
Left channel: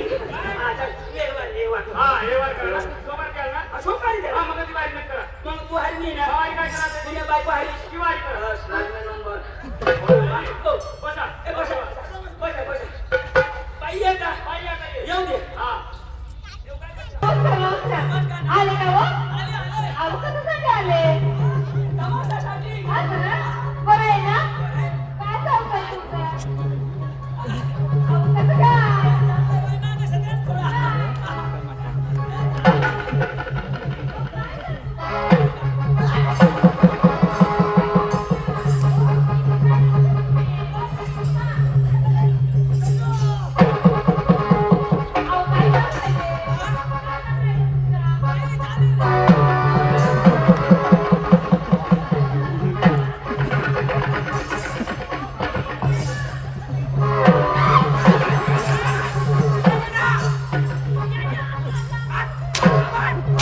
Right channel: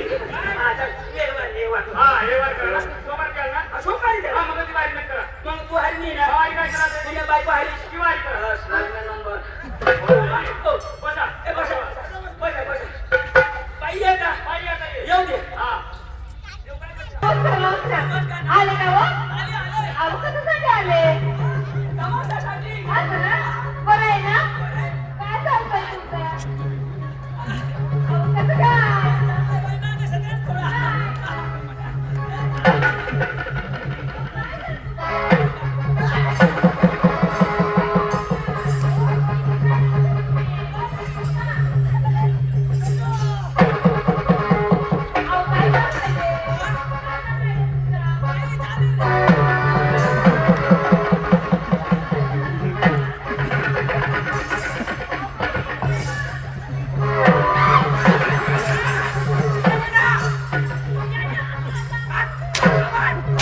आता येवर हा हे वर करा सोमवार केला ना सोमवारी करा. हा मग ती वाईट नाही करा मग तू हरणी ना हा काय करा ते तुझ्या बायको हरली ती वाईट करा बस माझा नंबर बसा ए बसा बसा बसा बाई ये का बाई आता ये. येऊ दे हा आले का हो? अहो कशासाठी आले? तमाशासाठी असं ना? बरं आहे ना? काय चालतंय तुमचं? अहो कसं काय? अहो काय चालतंय ते? काय चालतंय तुमचं?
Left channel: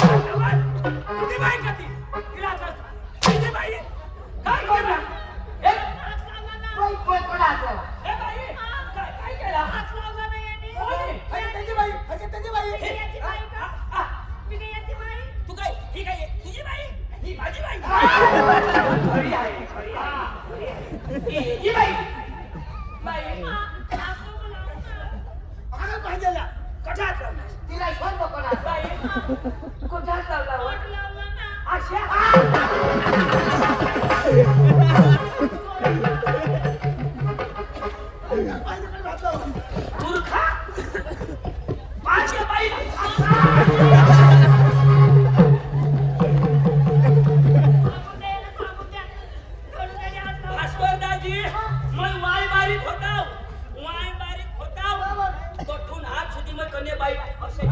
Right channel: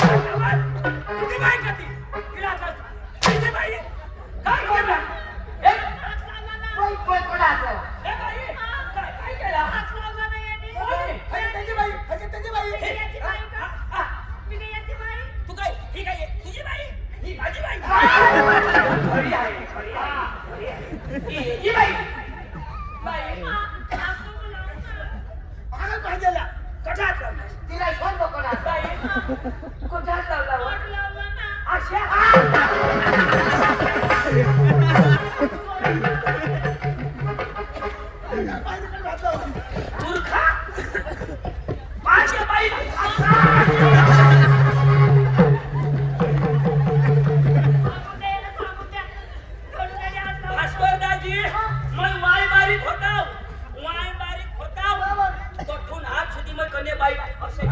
तुझी बाई का ती तिला तुझी बाई काय केलं कोण कोण कोणाचं? ए बाई काय काय केलं कोणी? त्याची बाई त्याची बाई तू काय ही काय तुझी बाई ही माझी बाई खरी आहे खरी आहे ही बाई बाई पागल पाहिजेला कशात लावला तिला शोध कोणाचं? बाई कुठात लावला अशा मूर्खा माझ्या बाईला भास्करदाजी मग वाय बारीक होताव कोठून हात सुधी मग कने बाई असे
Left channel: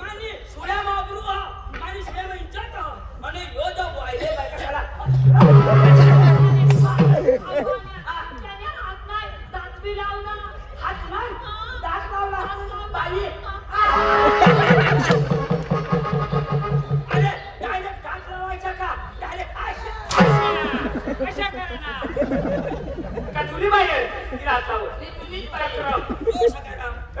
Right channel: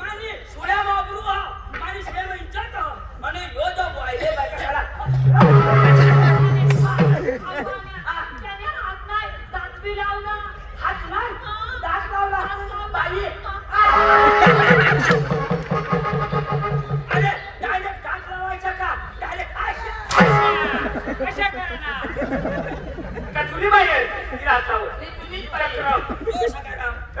माने सुड्या माबरू माने सुड्या मग इज्जत आणि यो जो वायले बाई कशाला हात नाही दात लावला बाई अरे डायरेक्ट दात लावायचा का डायरेक्ट कशा करणार का तुली बाई आहे तिला हात लावू. तुम्ही ए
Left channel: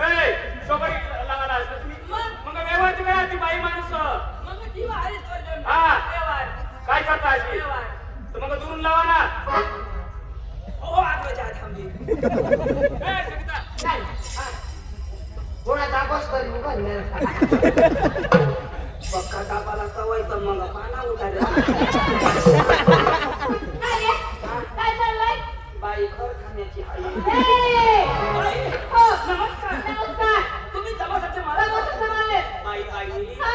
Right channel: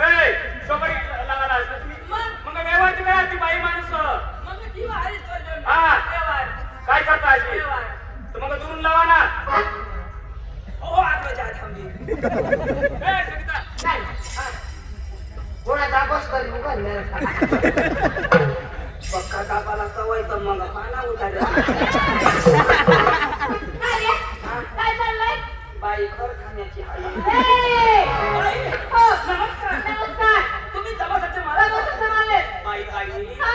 सोमवारी लावायला असतं तुम्ही मग व्यवहार ती काय ती बाई माणूस मग ती वारीच करतो हा. व्यवहार काय करता अशी व्यवहार तर मग दुरून लावा ना हो आत्मजा थांबली ए सगळीता नाही. हा. कोणाचा बस करी उभा पक्का कापाला सवय तर मग पाना उठायला काय रे? काय चाललंय? बाई खर खाण्याची हाई ए! बाई हो. नमस्कार नमस्कार. तुम्ही जमासाठी मला नमस्कार आले. बाई बाई